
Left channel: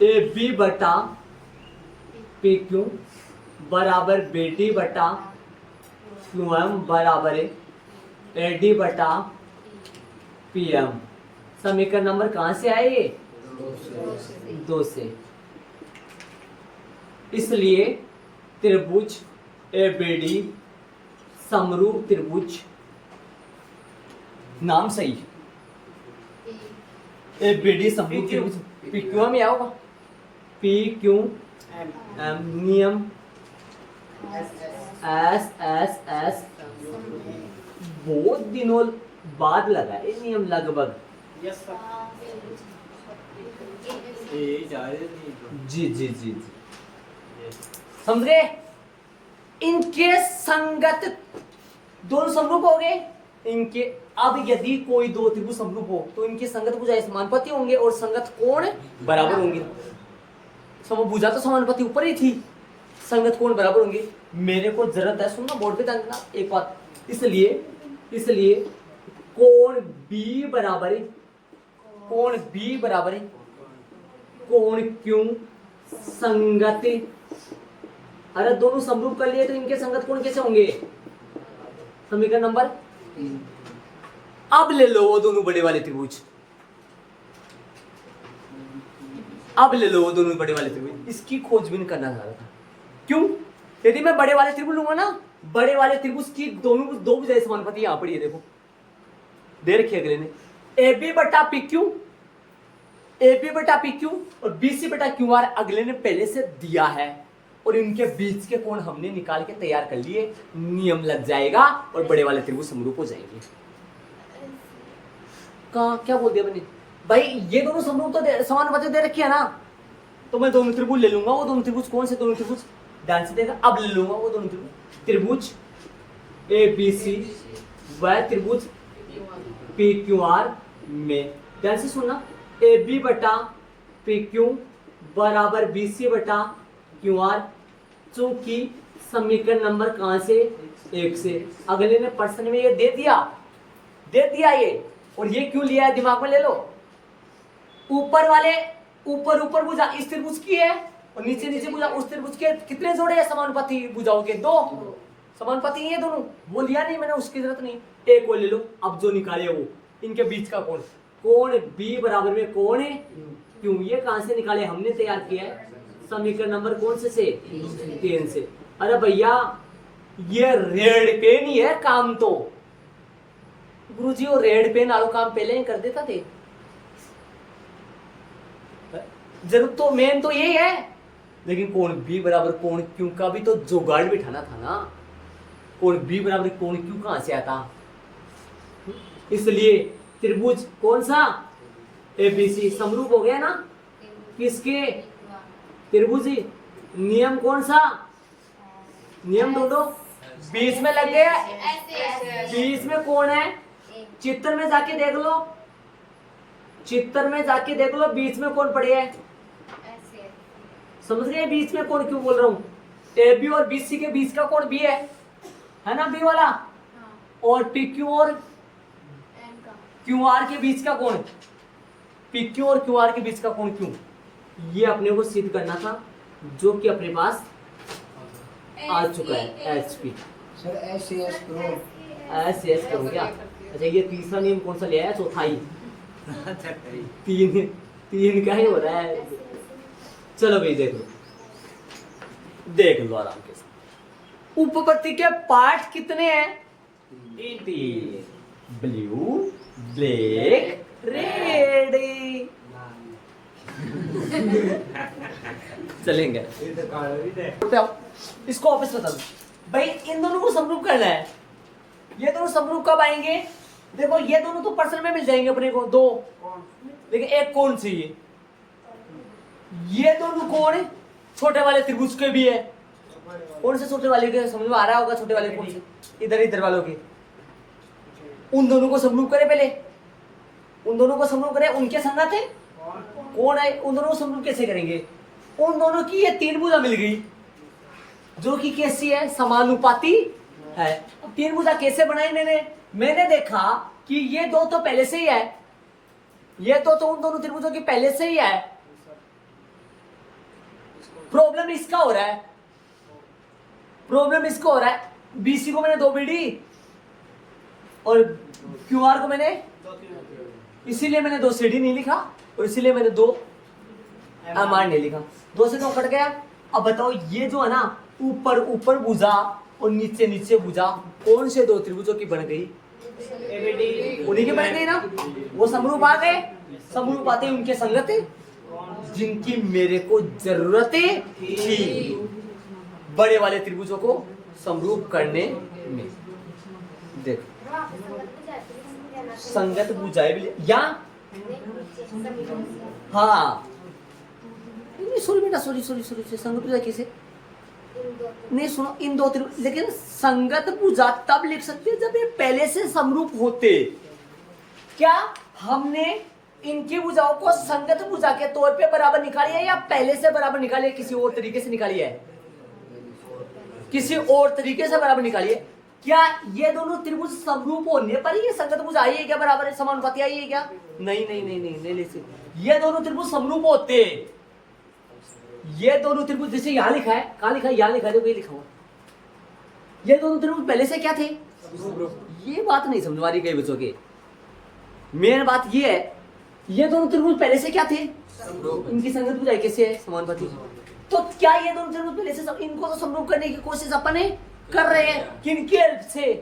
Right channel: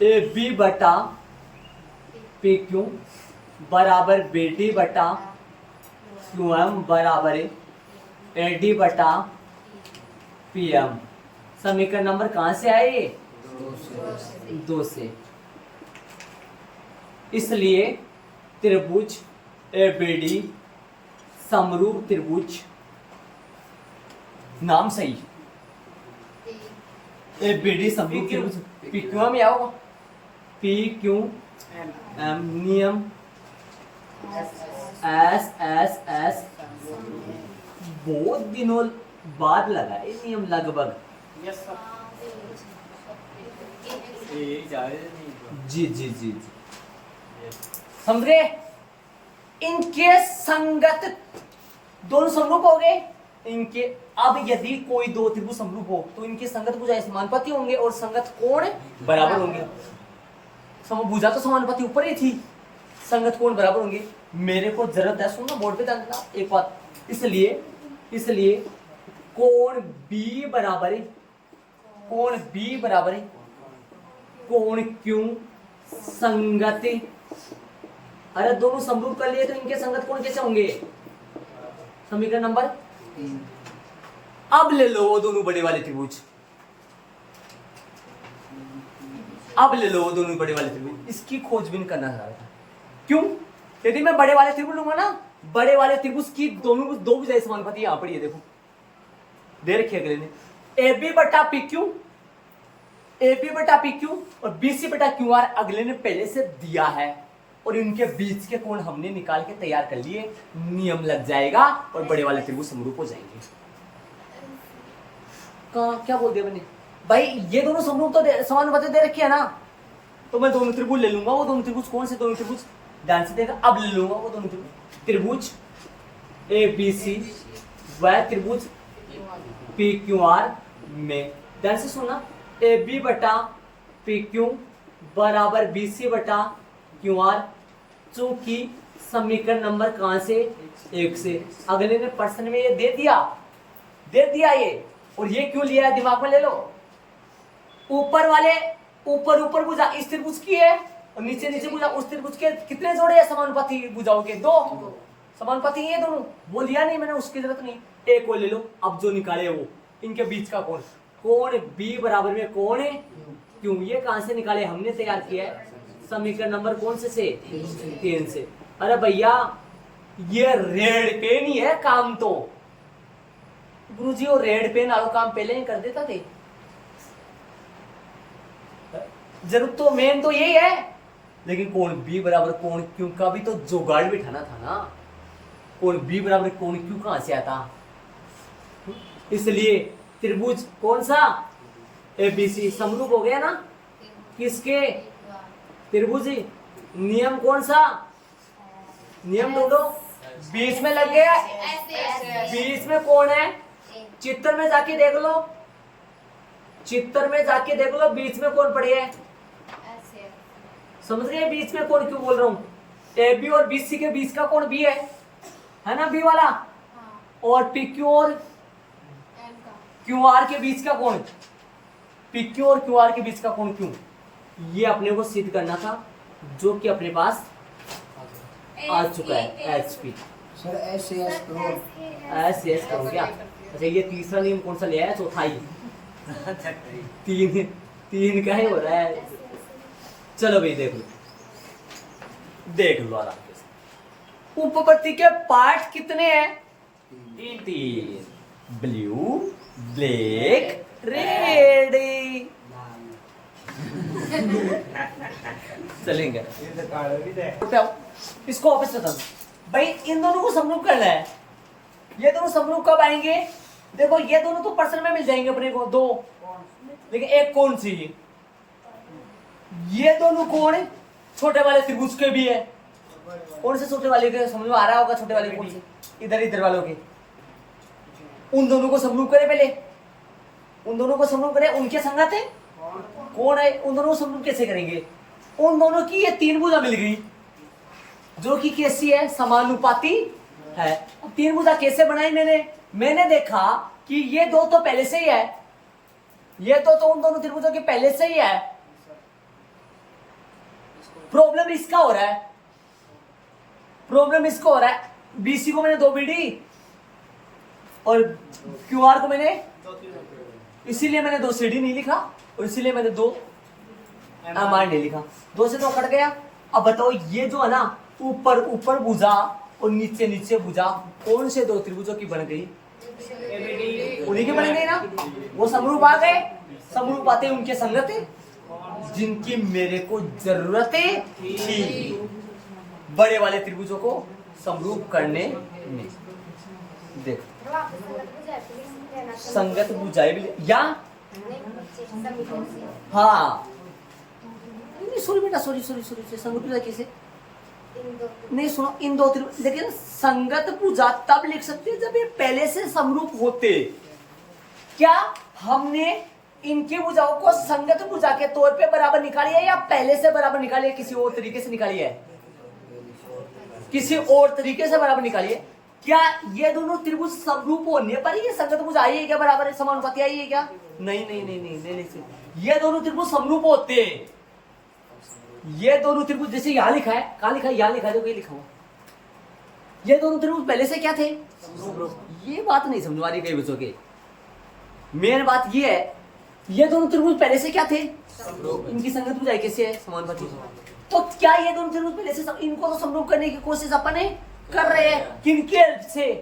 AB बटा PQ बराबर BD बटा QM बराबर AD बटा PM। समीकरण नंबर कहां से आए? ये 2 से। इसलिए त्रिभुज ABD समरूप त्रिभुज, नाम सही, ABD समरूप त्रिभुज PQM में आओगा, PQM नियम S बहुत दिनों बाद लगा ये नियम, लगभग जी समझ गए? इनके संगत दोनों समरूप हो गए इनके। अब यदि कोई 2 त्रिभुज समरूप हो तो इनकी संगत भुजाएं समानुपाती होंगे और संगत कोण बराबर होंगे। समभुजा तो समानुपाती ऊपर ही थी, संगत कोण बराबर होंगे। मेरे को जरूरत है, सुनना बोर्ड पे जानना एक बात, इसलिए कोण B बराबर है कोण क्यों संगत। अरे दोनों समरूप कर लिए तो इनके संगत कोण कैसे होंगे? समीकरण नंबर। अब ले लो वो दोनों बड़े वाले त्रिभुज, इसकी खोजबीन करना चाह रहा था। क्यों? यदि मैं बड़े वाले त्रिभुज लूंगा ना, बड़े वाले त्रिभुज की दोनों 2 भुजाएं समानुपाती यहां पड़ी है, देखो दे रखी है अगले ने। AB बटा PQ ए बी बटा पी क्यू और बी सी बटा क्यू आर अगले ने पहले से दिया है और इनके बीच के कोण हमने निकाल के तैयार कर लिए, नियम लग जाएगा और बड़े वाले त्रिभुज समरूप हो जाएंगे। कहाँ क्या बोल दिया मैंने भाई, ये दोनों समरूप तो समानुपाती दे रखी है ना, तो मैं दोनों त्रिभुज ले लूंगा। वो दोनों त्रिभुज कौन से दोनों त्रिभुज, ध्यान से देखा, अब ले लूंगा वो दोनों त्रिभुज ए बी सी वह त्रिभुज पी क्यू आर में, ध्यान से सुनना, ए बी बटा पी क्यू बराबर बी सी बटा क्यू आर, चूंकि समीकरण नंबर कहां से, 1 से। अगले ने प्रश्न में ये दे दिया ये, और ये क्यों लिया है दिमाग में ले लो। ऊपर वाले ऊपर भुजा इस त्रिभुज की है और नीचे भुजा उस त्रिभुज के, कितने जोड़े हैं समानुपाती भुजाओं के, 2 समानुपाती ये दोनों, वो लिया नहीं मैंने, उसकी जरूरत नहीं, एक को ले लो। अब जो निकाले वो इनके बीच का कोण बी बराबर में कोण है क्यों, ये कहां से निकाले, हमने तैयार किया है समीकरण नंबर कौन से 3 से। अरे भैया ये रेड पेन ही है काम, तो गुरुजी वो रेड पेन वालों काम पहले ही कर देता थे, जरूरत तो मेन तो यही है, लेकिन कोण बी बराबर कोण क्यू का भी तो जुगाड़ बिठाना था ना। कोण बी बराबर कोण क्यू कहां से आता, इसलिए त्रिभुज कौन सा एबीसी समरूप हो गया ना किसके, त्रिभुज। नियम कौन सा, नियम ढूंढो, बीच में लग गया, बीच में कौन है, चित्र में जाके देख लो, चित्र में जाके देख लो बीच में कौन पड़े है, समझ गए बीच में कौन क्यों बोल रहा हूं, ए बी और बी सी के बीच का कौन बी है ना, बी वाला, और पी क्यू और क्यू आर के बीच का कौन, पी क्यू और क्यू आर के बीच का कौन क्यों, ये अपने को सिद्ध करना था, जो कि अपने पास आ चुका है। H P sir S S करो क्या, अच्छा ये तीसरा नियम कौन सा लिया है, चौथा ही तीन का ही हो रहा है। चलो भाई देख लो आराम के साथ, उपपत्ति के पार्ट कितने हैं, 3, ब्लू ब्लैक रेड। चलेंगे इसको वापस बता दो भाई, इन दोनों को समरूप करना है, ये दोनों समरूप कब आएंगे, देखो ये दोनों तो पर्सन में मिल जाएंगे अपने को 2, लेकिन एक कौन चाहिए, ये दोनों कौन छोटे वाले त्रिभुज के भी है, कौन से छोटे वाले के समझ में आ रहा होगा, छोटे वाले कौन से, इधर वालों के, उन दोनों को समरूप करें, पहले उन दोनों को समरूप करें, उनके संगत है कौन है, उन दोनों को समरूप कैसे करेंगे, उन दोनों की ये 3 भुजा मिल गई जो कि कैसी है, समानुपाती है। अब 3 भुजा कैसे बनाई मैंने देखा कि ये 2 तो पहले से ही है, ये तो उन दोनों त्रिभुजों की पहले से ही है, प्रॉब्लम इसका हो रहा है, बीसी को मैंने 2 बीडी और क्यूआर को मैंने, इसीलिए मैंने 2 सीडी नहीं लिखा और इसीलिए मैंने 2 एमआर नहीं लिखा, 2 से 2 कट गया। अब बताओ ये जो है ना ऊपर भुजा और नीचे भुजा कौन से 2 त्रिभुजों की बन गई, उन्हीं की बन गई ना, वो समरूप आ गए, समरूप आते उनके संगत जिनकी मेरे को जरूरत थी बड़े वाले त्रिभुजों को समरूप करने में। देख संगत भुजाएं भी या हाँ, सॉरी बेटा, सॉरी संगत भुजा कैसे नहीं, सुनो इन 2 त्रिभुज, लेकिन संगत भुजा तब लिख सकते जब ये पहले से समरूप होते। क्या हमने इनकी भुजाओं को संगत भुजा के तौर पे बराबर निकाली है या पहले से बराबर निकाली है, किसी और तरीके से निकाली है, किसी और तरीके से बराबर निकाली है। क्या ये दोनों त्रिभुज समरूप होने पर ये संगत भुजा आई है क्या, बराबर है, समानुपाती आई है क्या, नहीं, ये दोनों त्रिभुज समरूप होते, ये दोनों त्रिभुज जैसे यहां लिखा है, कहां लिखा है, यहां लिखा है, तो कहीं लिखा हुआ, ये दोनों त्रिभुज पहले से क्या थे, ये बात नहीं समझ वाली कई बच्चों के, मेन बात ये है, ये दोनों त्रिभुज पहले से क्या थे, इनकी संगत भुजाएं कैसे है, समानुपाती। तो क्या ये दोनों त्रिभुज पहले से इनको तो समरूप करने की कोशिश अपने कर रहे हैं, किनके हेल्प से,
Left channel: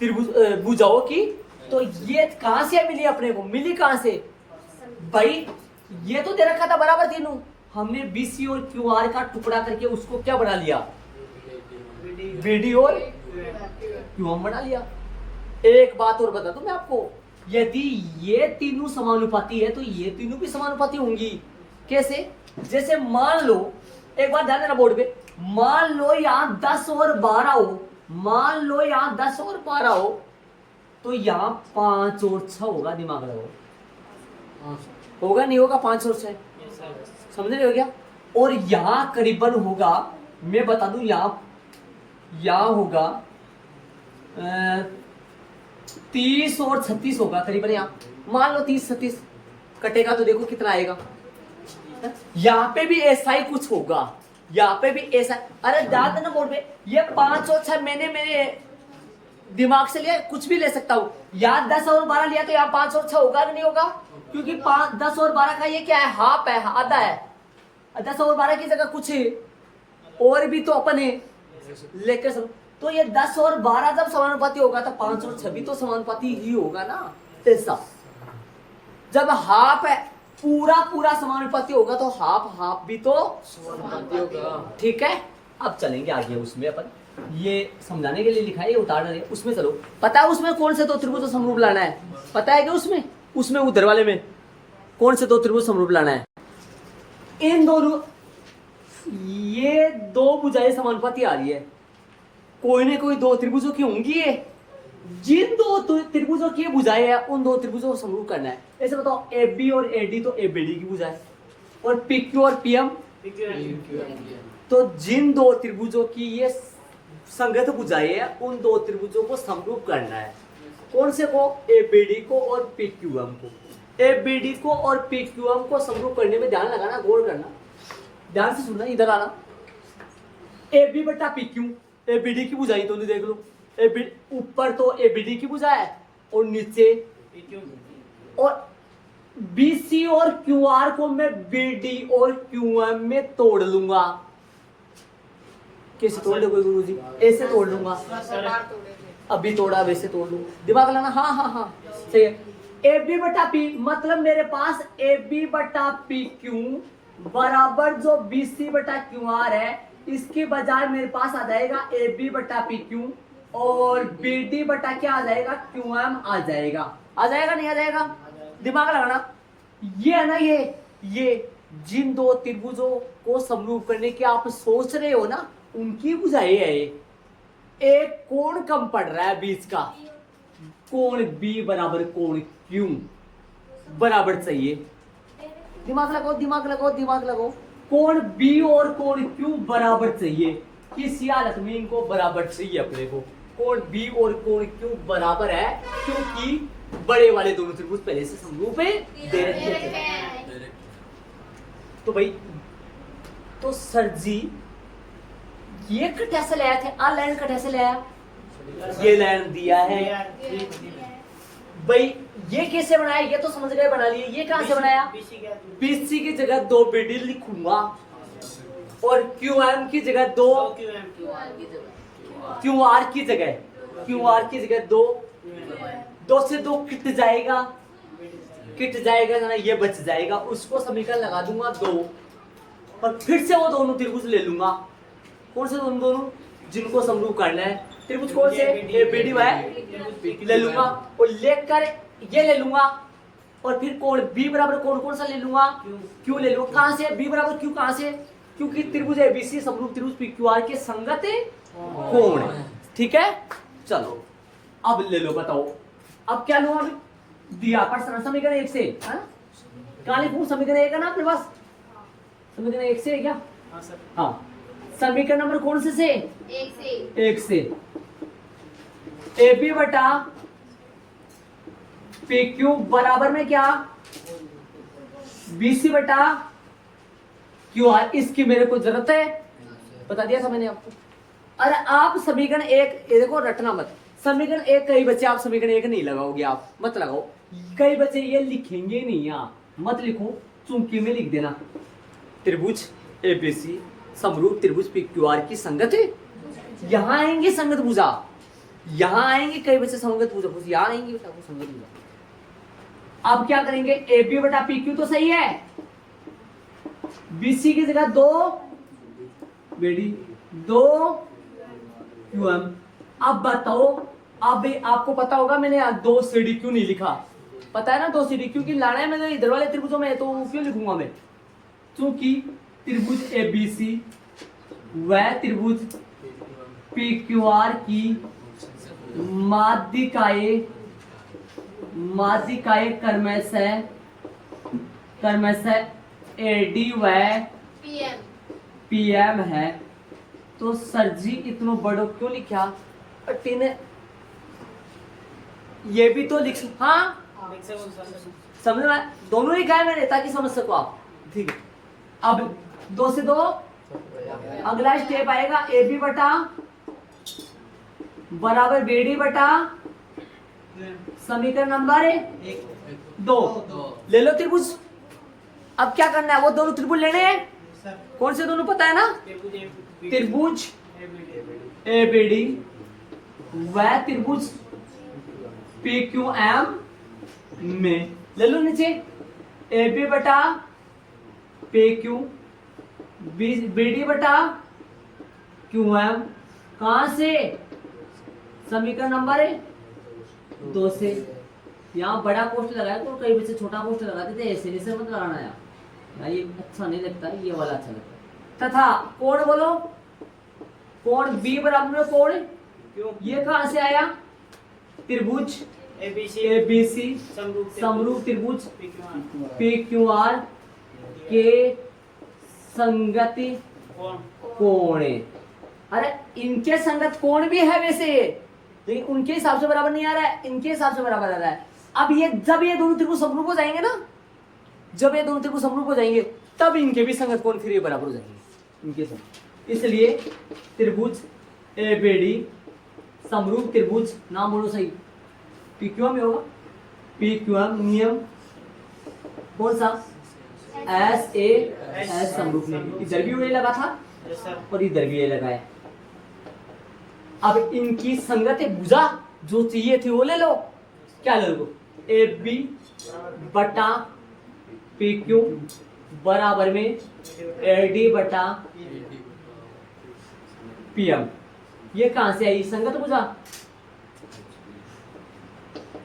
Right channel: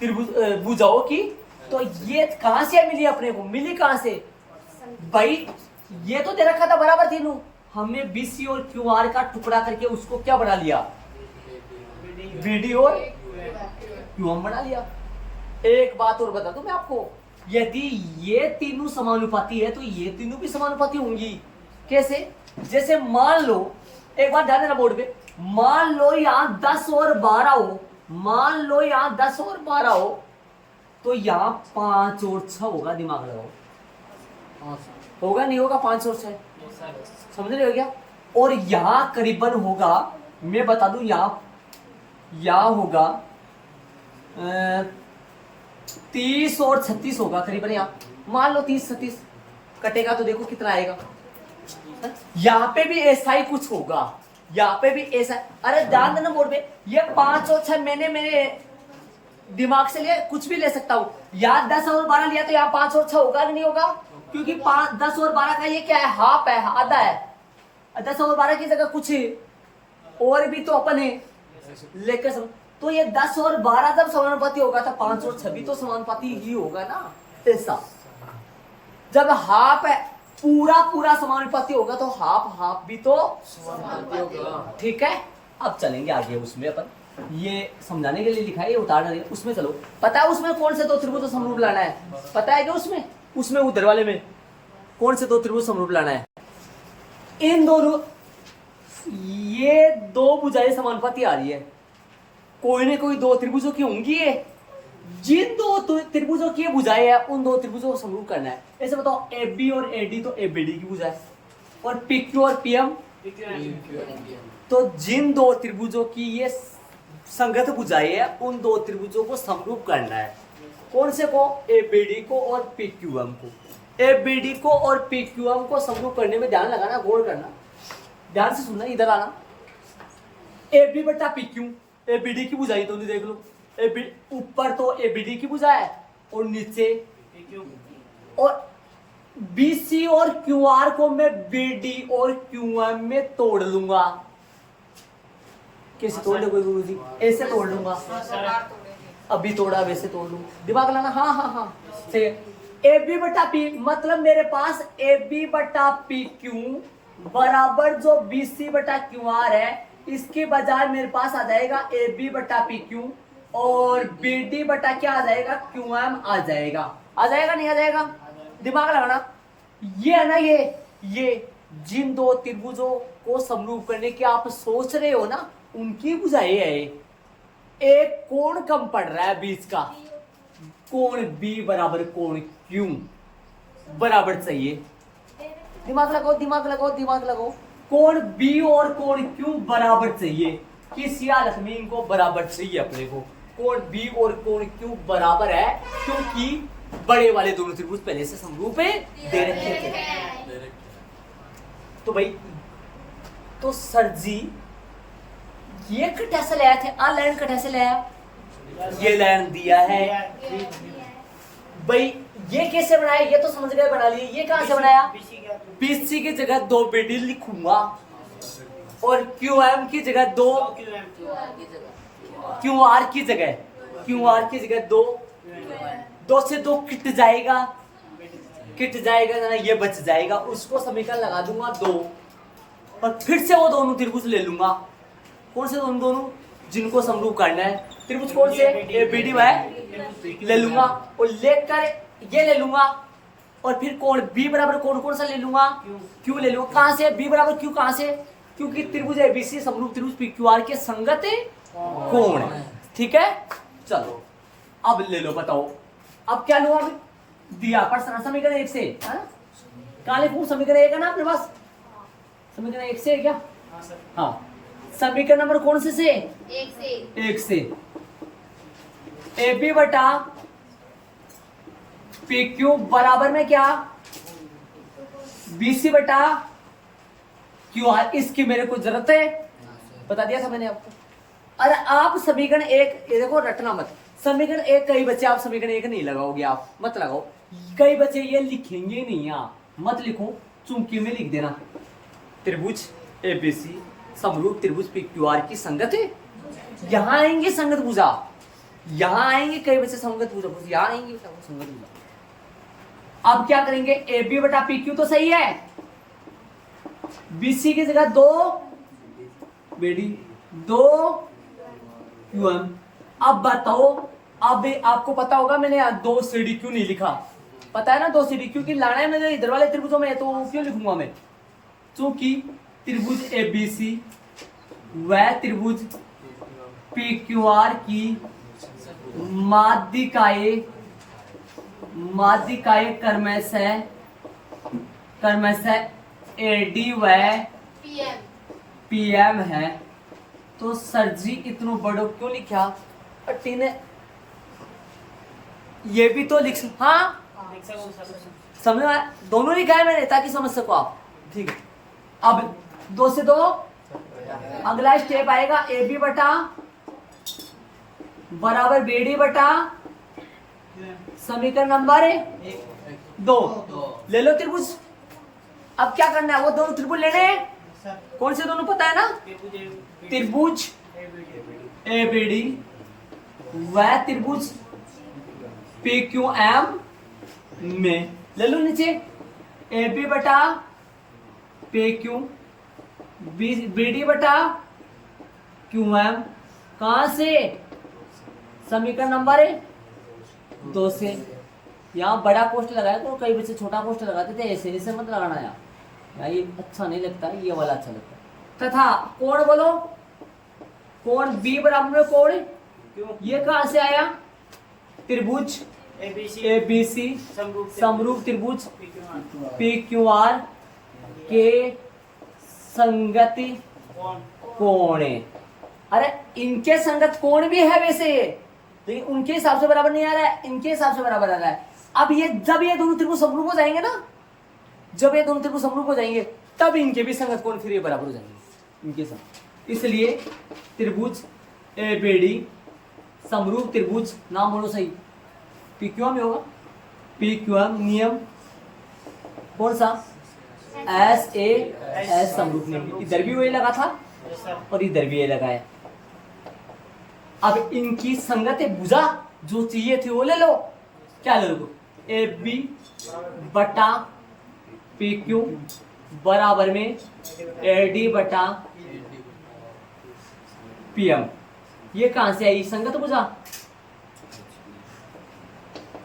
त्रिभुज भुजाओं की। तो ये कहां से मिली अपने को, मिली कहां से, भाई ये तो दे रखा था बराबर तीनों, हमने बीसी और क्यूआर का टुकड़ा करके उसको क्या बना लिया, बीडी और क्यूएम बना लिया। एक बात और बता दूं मैं आपको, यदि ये तीनों समानुपाती है तो ये तीनों भी समानुपाती होंगी। कैसे? जैसे मान लो, एक बार ध्यान देना बोर्ड पे, मान लो यहाँ 10 और 12 हो, मान लो यहाँ 10 और 12 हो, तो यहाँ 5 और 6 होगा। दिमाग लगाओ, होगा नहीं होगा? 5 और 6 समझ रहे हो क्या? और यहाँ करीबन होगा, मैं बता दूं, यहाँ होगा 30 और 36 होगा करीबन। यहाँ मान लो 30 36 कटेगा तो देखो कितना आएगा। यहाँ पे भी ऐसा ही कुछ होगा, यहाँ पे भी ऐसा। अरे ध्यान देना बोर्ड पे, ये 5 और 6 मैंने मेरे दिमाग से ले कुछ भी ले सकता हूँ। यहाँ 10 और 12 लिया तो यहाँ 5 और 6 होगा कि नहीं होगा? क्योंकि 10 और 12 का ये क्या है, हाफ है, आधा है। 10 और 12 की जगह कुछ और भी तो अपन है लेकर समझ। तो ये 10 और 12 जब समानुपाती होगा तो 5 और 6 भी तो समानुपाती ही होगा ना। ऐसा जब हाफ है, पूरा समानुपाती होगा तो हाफ भी तो समानुपाती होगा। ठीक है, अब चलेंगे आगे। उसमें अपन ये समझाने के लिए लिखा है, ये उतारना है। उसमें चलो, पता है उसमें कौन से दो त्रिभुज समरूप लाना है? पता है कि उसमें उधर वाले में कौन से दो त्रिभुज समरूप लाना है? इन दोनों, ये दो भुजाएं समानुपाती आ रही है, कोई ना कोई दो त्रिभुजों की होंगी ये। जिन दो त्रिभुजों की भुजाएं है उन दो त्रिभुजों को समरूप करना है। ऐसे बताओ, ए बी और ए डी तो ए बी डी की भुजा है, और पी क्यू और पी एम तो जिन दो त्रिभुजों की ये संगत भुजाएं है उन दो त्रिभुजों को समरूप करना है। कौन से को? ए बी डी को और पी क्यू एम को। ए बी डी को और पी क्यू एम को समरूप करने में ध्यान लगाना, गौर करना, ध्यान से सुनना, इधर आना। ए बी बटा P Q, A B D की भुजाएं तो नहीं, देख लो, ऊपर तो ए बी डी की भुजा है और नीचे और बी सी और क्यू आर को मैं बी डी और क्यू एम में तोड़ लूंगा। कैसे तोड़ दो गुरु जी? ऐसे तोड़ लूंगा, अभी तोड़ा वैसे तोड़ लूंगा। दिमाग लाना। हाँ सही है। ए बी बटा पी मतलब मेरे पास ए बी बटा पी क्यू बराबर जो बी सी बटा क्यू आर है, इसके बजाय मेरे पास आ जाएगा ए बी बटा पी क्यू और बी डी बटा क्या आ जाएगा, क्यू एम आ जाएगा। आ जाएगा नहीं आ जाएगा? दिमाग लगाना। ये है ना, ये जिन दो त्रिभुजों को समरूप करने की आप सोच रहे हो ना, उनकी भुजाएं है। एक कोण कम पड़ रहा है बीच का, कोण बी बराबर कोण क्यू बराबर चाहिए। दिमाग लगाओ। कोण बी और कोण क्यू बराबर चाहिए। किस हालत में इनको बराबर चाहिए अपने को? कोण बी और कोण क्यू बराबर है क्योंकि बड़े वाले दोनों त्रिभुज पहले से समरूप है, दे रखे थे। तो भाई, तो सर जी ये कटा से लाया थे, आ लाइन कटा से लाया, ये लाइन दिया है भाई। ये कैसे बनाया? ये तो समझ गए, बना लिए। ये कहां से बनाया? बीसी की जगह 2 बीडी लिखूंगा और क्यू एम की जगह 2 क्यू आर की जगह 2 से 2 किट जाएगा ना, ये बच जाएगा। उसको समीकरण लगा दूंगा 2 और फिर से वो दोनों त्रिभुज ले लूंगा। कौन से दोनों जिनको समरूप करना है? त्रिभुज कौन से? ए बी डी वाई ले लूंगा और लेकर ये ले लूंगा और फिर कोण बी बराबर कौन सा ले लूंगा? क्यू ले लूंगा। कहां से बी बराबर क्यू? कहां से? क्योंकि त्रिभुज एबीसी समरूप त्रिभुज पी क्यू आर के संगत कोण। ठीक है, चलो अब ले लो, बताओ अब क्या लूंगा? दिया पर समीकरण 1 से, काले पूर्ण समीकरण 1 है ना अपने पास? समीकरण 1 से है क्या? हाँ, समीकरण नंबर कौन से? 1 से ए बी बटा पी क्यू बराबर में क्या? बीसी बटा क्यू आर। इसकी मेरे को जरूरत है, बता दिया था मैंने आपको। अरे आप समीकरण 1 देखो, रटना मत। समीकरण 1 कई बच्चे आप समीकरण 1 नहीं लगाओगे, आप मत लगाओ। कई बच्चे ये लिखेंगे नहीं, यहाँ मत लिखो, चूंकि में लिख देना। त्रिभुज एबीसी समरूप त्रिभुज पी क्यू आर की संगत है। यहाँ आएंगे संगत भुजा, यहाँ आएंगे कई बच्चे संगत भुजा, यहाँ आएंगे संगत भुजा। अब क्या करेंगे, ए बी बटा पी क्यू तो सही है, बी सी की जगह 2 बेडी 2 क्यू एम। अब बताओ, अब आपको पता होगा मैंने यहाँ 2 सी डी क्यू नहीं लिखा, पता है ना 2 सी डी क्यू की लाना है मैंने इधर वाले त्रिभुजों में, तो क्यों लिखूंगा मैं, क्योंकि त्रिभुज ए बी सी वह त्रिभुज पी क्यू आर की माध्यिकाएं क्रमशः ए डी व पी एम है। तो सर जी इतनो बड़ो क्यों लिखा, अट्टी ने ये भी तो लिख, हाँ समझ में, दोनों लिखा है मैंने ताकि समझ सको आप, ठीक है। अब 2 से 2 अगला स्टेप आएगा, ए बी बटा बराबर बी डी बटा समीकरण नंबर 2 ले लो त्रिभुज। अब क्या करना है, वो दोनों त्रिभुज लेने हैं, कौन से दोनों पता है ना, त्रिभुज ए बी डी वह त्रिभुज पी क्यू एम में, ले लो नीचे ए बी बटा पी क्यू बी डी बटा क्यू एम, कहां से, समीकरण नंबर 2 से। यहाँ बड़ा पोस्ट लगाया तो कई बच्चे छोटा पोस्ट लगाते थे, ऐसे मत लगाना यार, ये अच्छा नहीं लगता, ये वाला अच्छा लगता है। तथा कोण बोलो, कोण बी बराबर में कोण, ये कहां से आया, त्रिभुज ए बी सी समरूप त्रिभुज पी क्यू आर के संगति कोण। अरे इनके संगत कोण भी है वैसे, लेकिन उनके हिसाब से बराबर नहीं आ रहा है, इनके हिसाब से बराबर आ रहा है। अब ये जब ये दोनों त्रिभुज समरूप हो जाएंगे ना, जब ये दोनों त्रिभुज समरूप हो जाएंगे तब इनके भी संगत कोण फिर ये बराबर हो जाएंगे इनके संग। इसलिए त्रिभुज ए बी डी समरूप त्रिभुज, नाम बोलो सही, पी क्यू एम होगा, पी क्यू एम नियम कौन सा, एस ए एस समरूप नियम, इधर भी वही लगा था और इधर भी ये लगा है। अब इनकी संगत भुजा जो चाहिए थी वो ले लो, क्या ले लो, ए बी बटा पी क्यू बराबर में ए डी बटा पी एम, ये कहां से आई, संगत भुजा,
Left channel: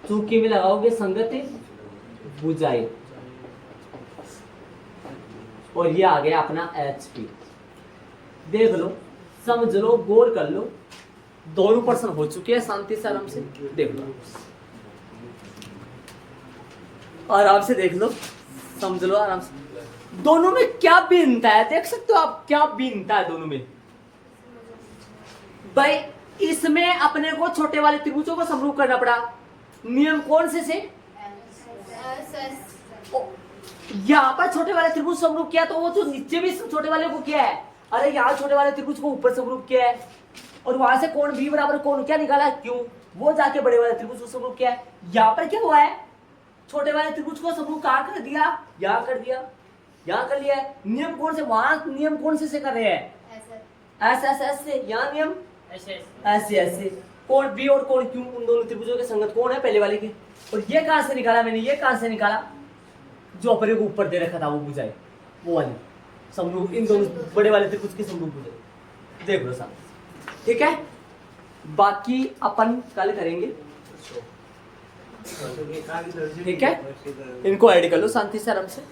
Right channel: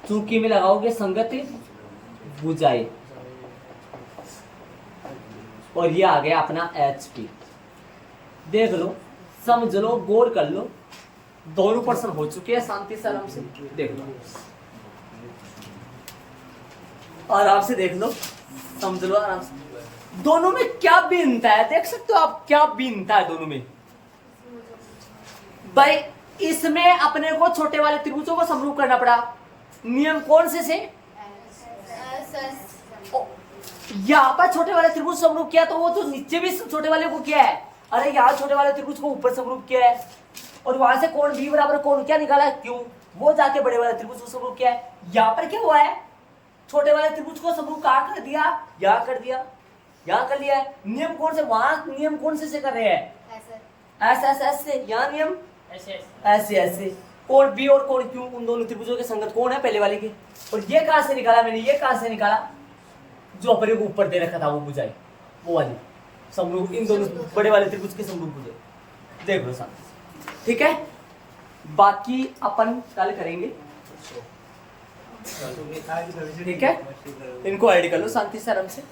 चूंकि में लगाओगे संगत भुजाएं, और ये आ गया अपना एच पी। देख लो, समझ लो, गौर कर लो, दोनों पर्सन हो चुके हैं, शांति से आराम से देख लो, आराम से देख लो, समझ लो आराम से, दोनों में क्या भिन्नता है देख सकते हो आप, क्या भिन्नता है दोनों में भाई। इसमें अपने को छोटे वाले त्रिभुजों को समरूप करना पड़ा, नियम कौन से यहाँ पर छोटे वाले त्रिभुज समरूप किया, तो वो तो नीचे भी छोटे वाले को किया है, अरे यहाँ छोटे वाले त्रिभुज को ऊपर समरूप किया है, और वहां से कोण बी बराबर कोण क्या निकाला, क्यों, वो जाके बड़े वाले त्रिभुज को समरूप किया है। यहाँ पर क्या हुआ है, छोटे वाले त्रिभुज को समरूप कहाँ कर दिया, यहाँ कर दिया, यहाँ कर लिया है। नियम कौन से, वहां नियम कौन से कर रहे हैं, एस एस एस से, यहाँ नियम ऐसे ऐसे, कोण बी और कोण क्यू उन दोनों त्रिभुजों के संगत कोण है पहले वाले के, और ये कहां से निकाला मैंने, ये कहां से निकाला, जो अपने को ऊपर दे रखा था वो बुझाए, वो वाली समरूप, इन दोनों बड़े वाले त्रिभुज के समरूप बुझाए, देख लो साथ, ठीक है। बाकी अपन कल करेंगे, ठीक है, इनको ऐड कर लो शांति से आराम से।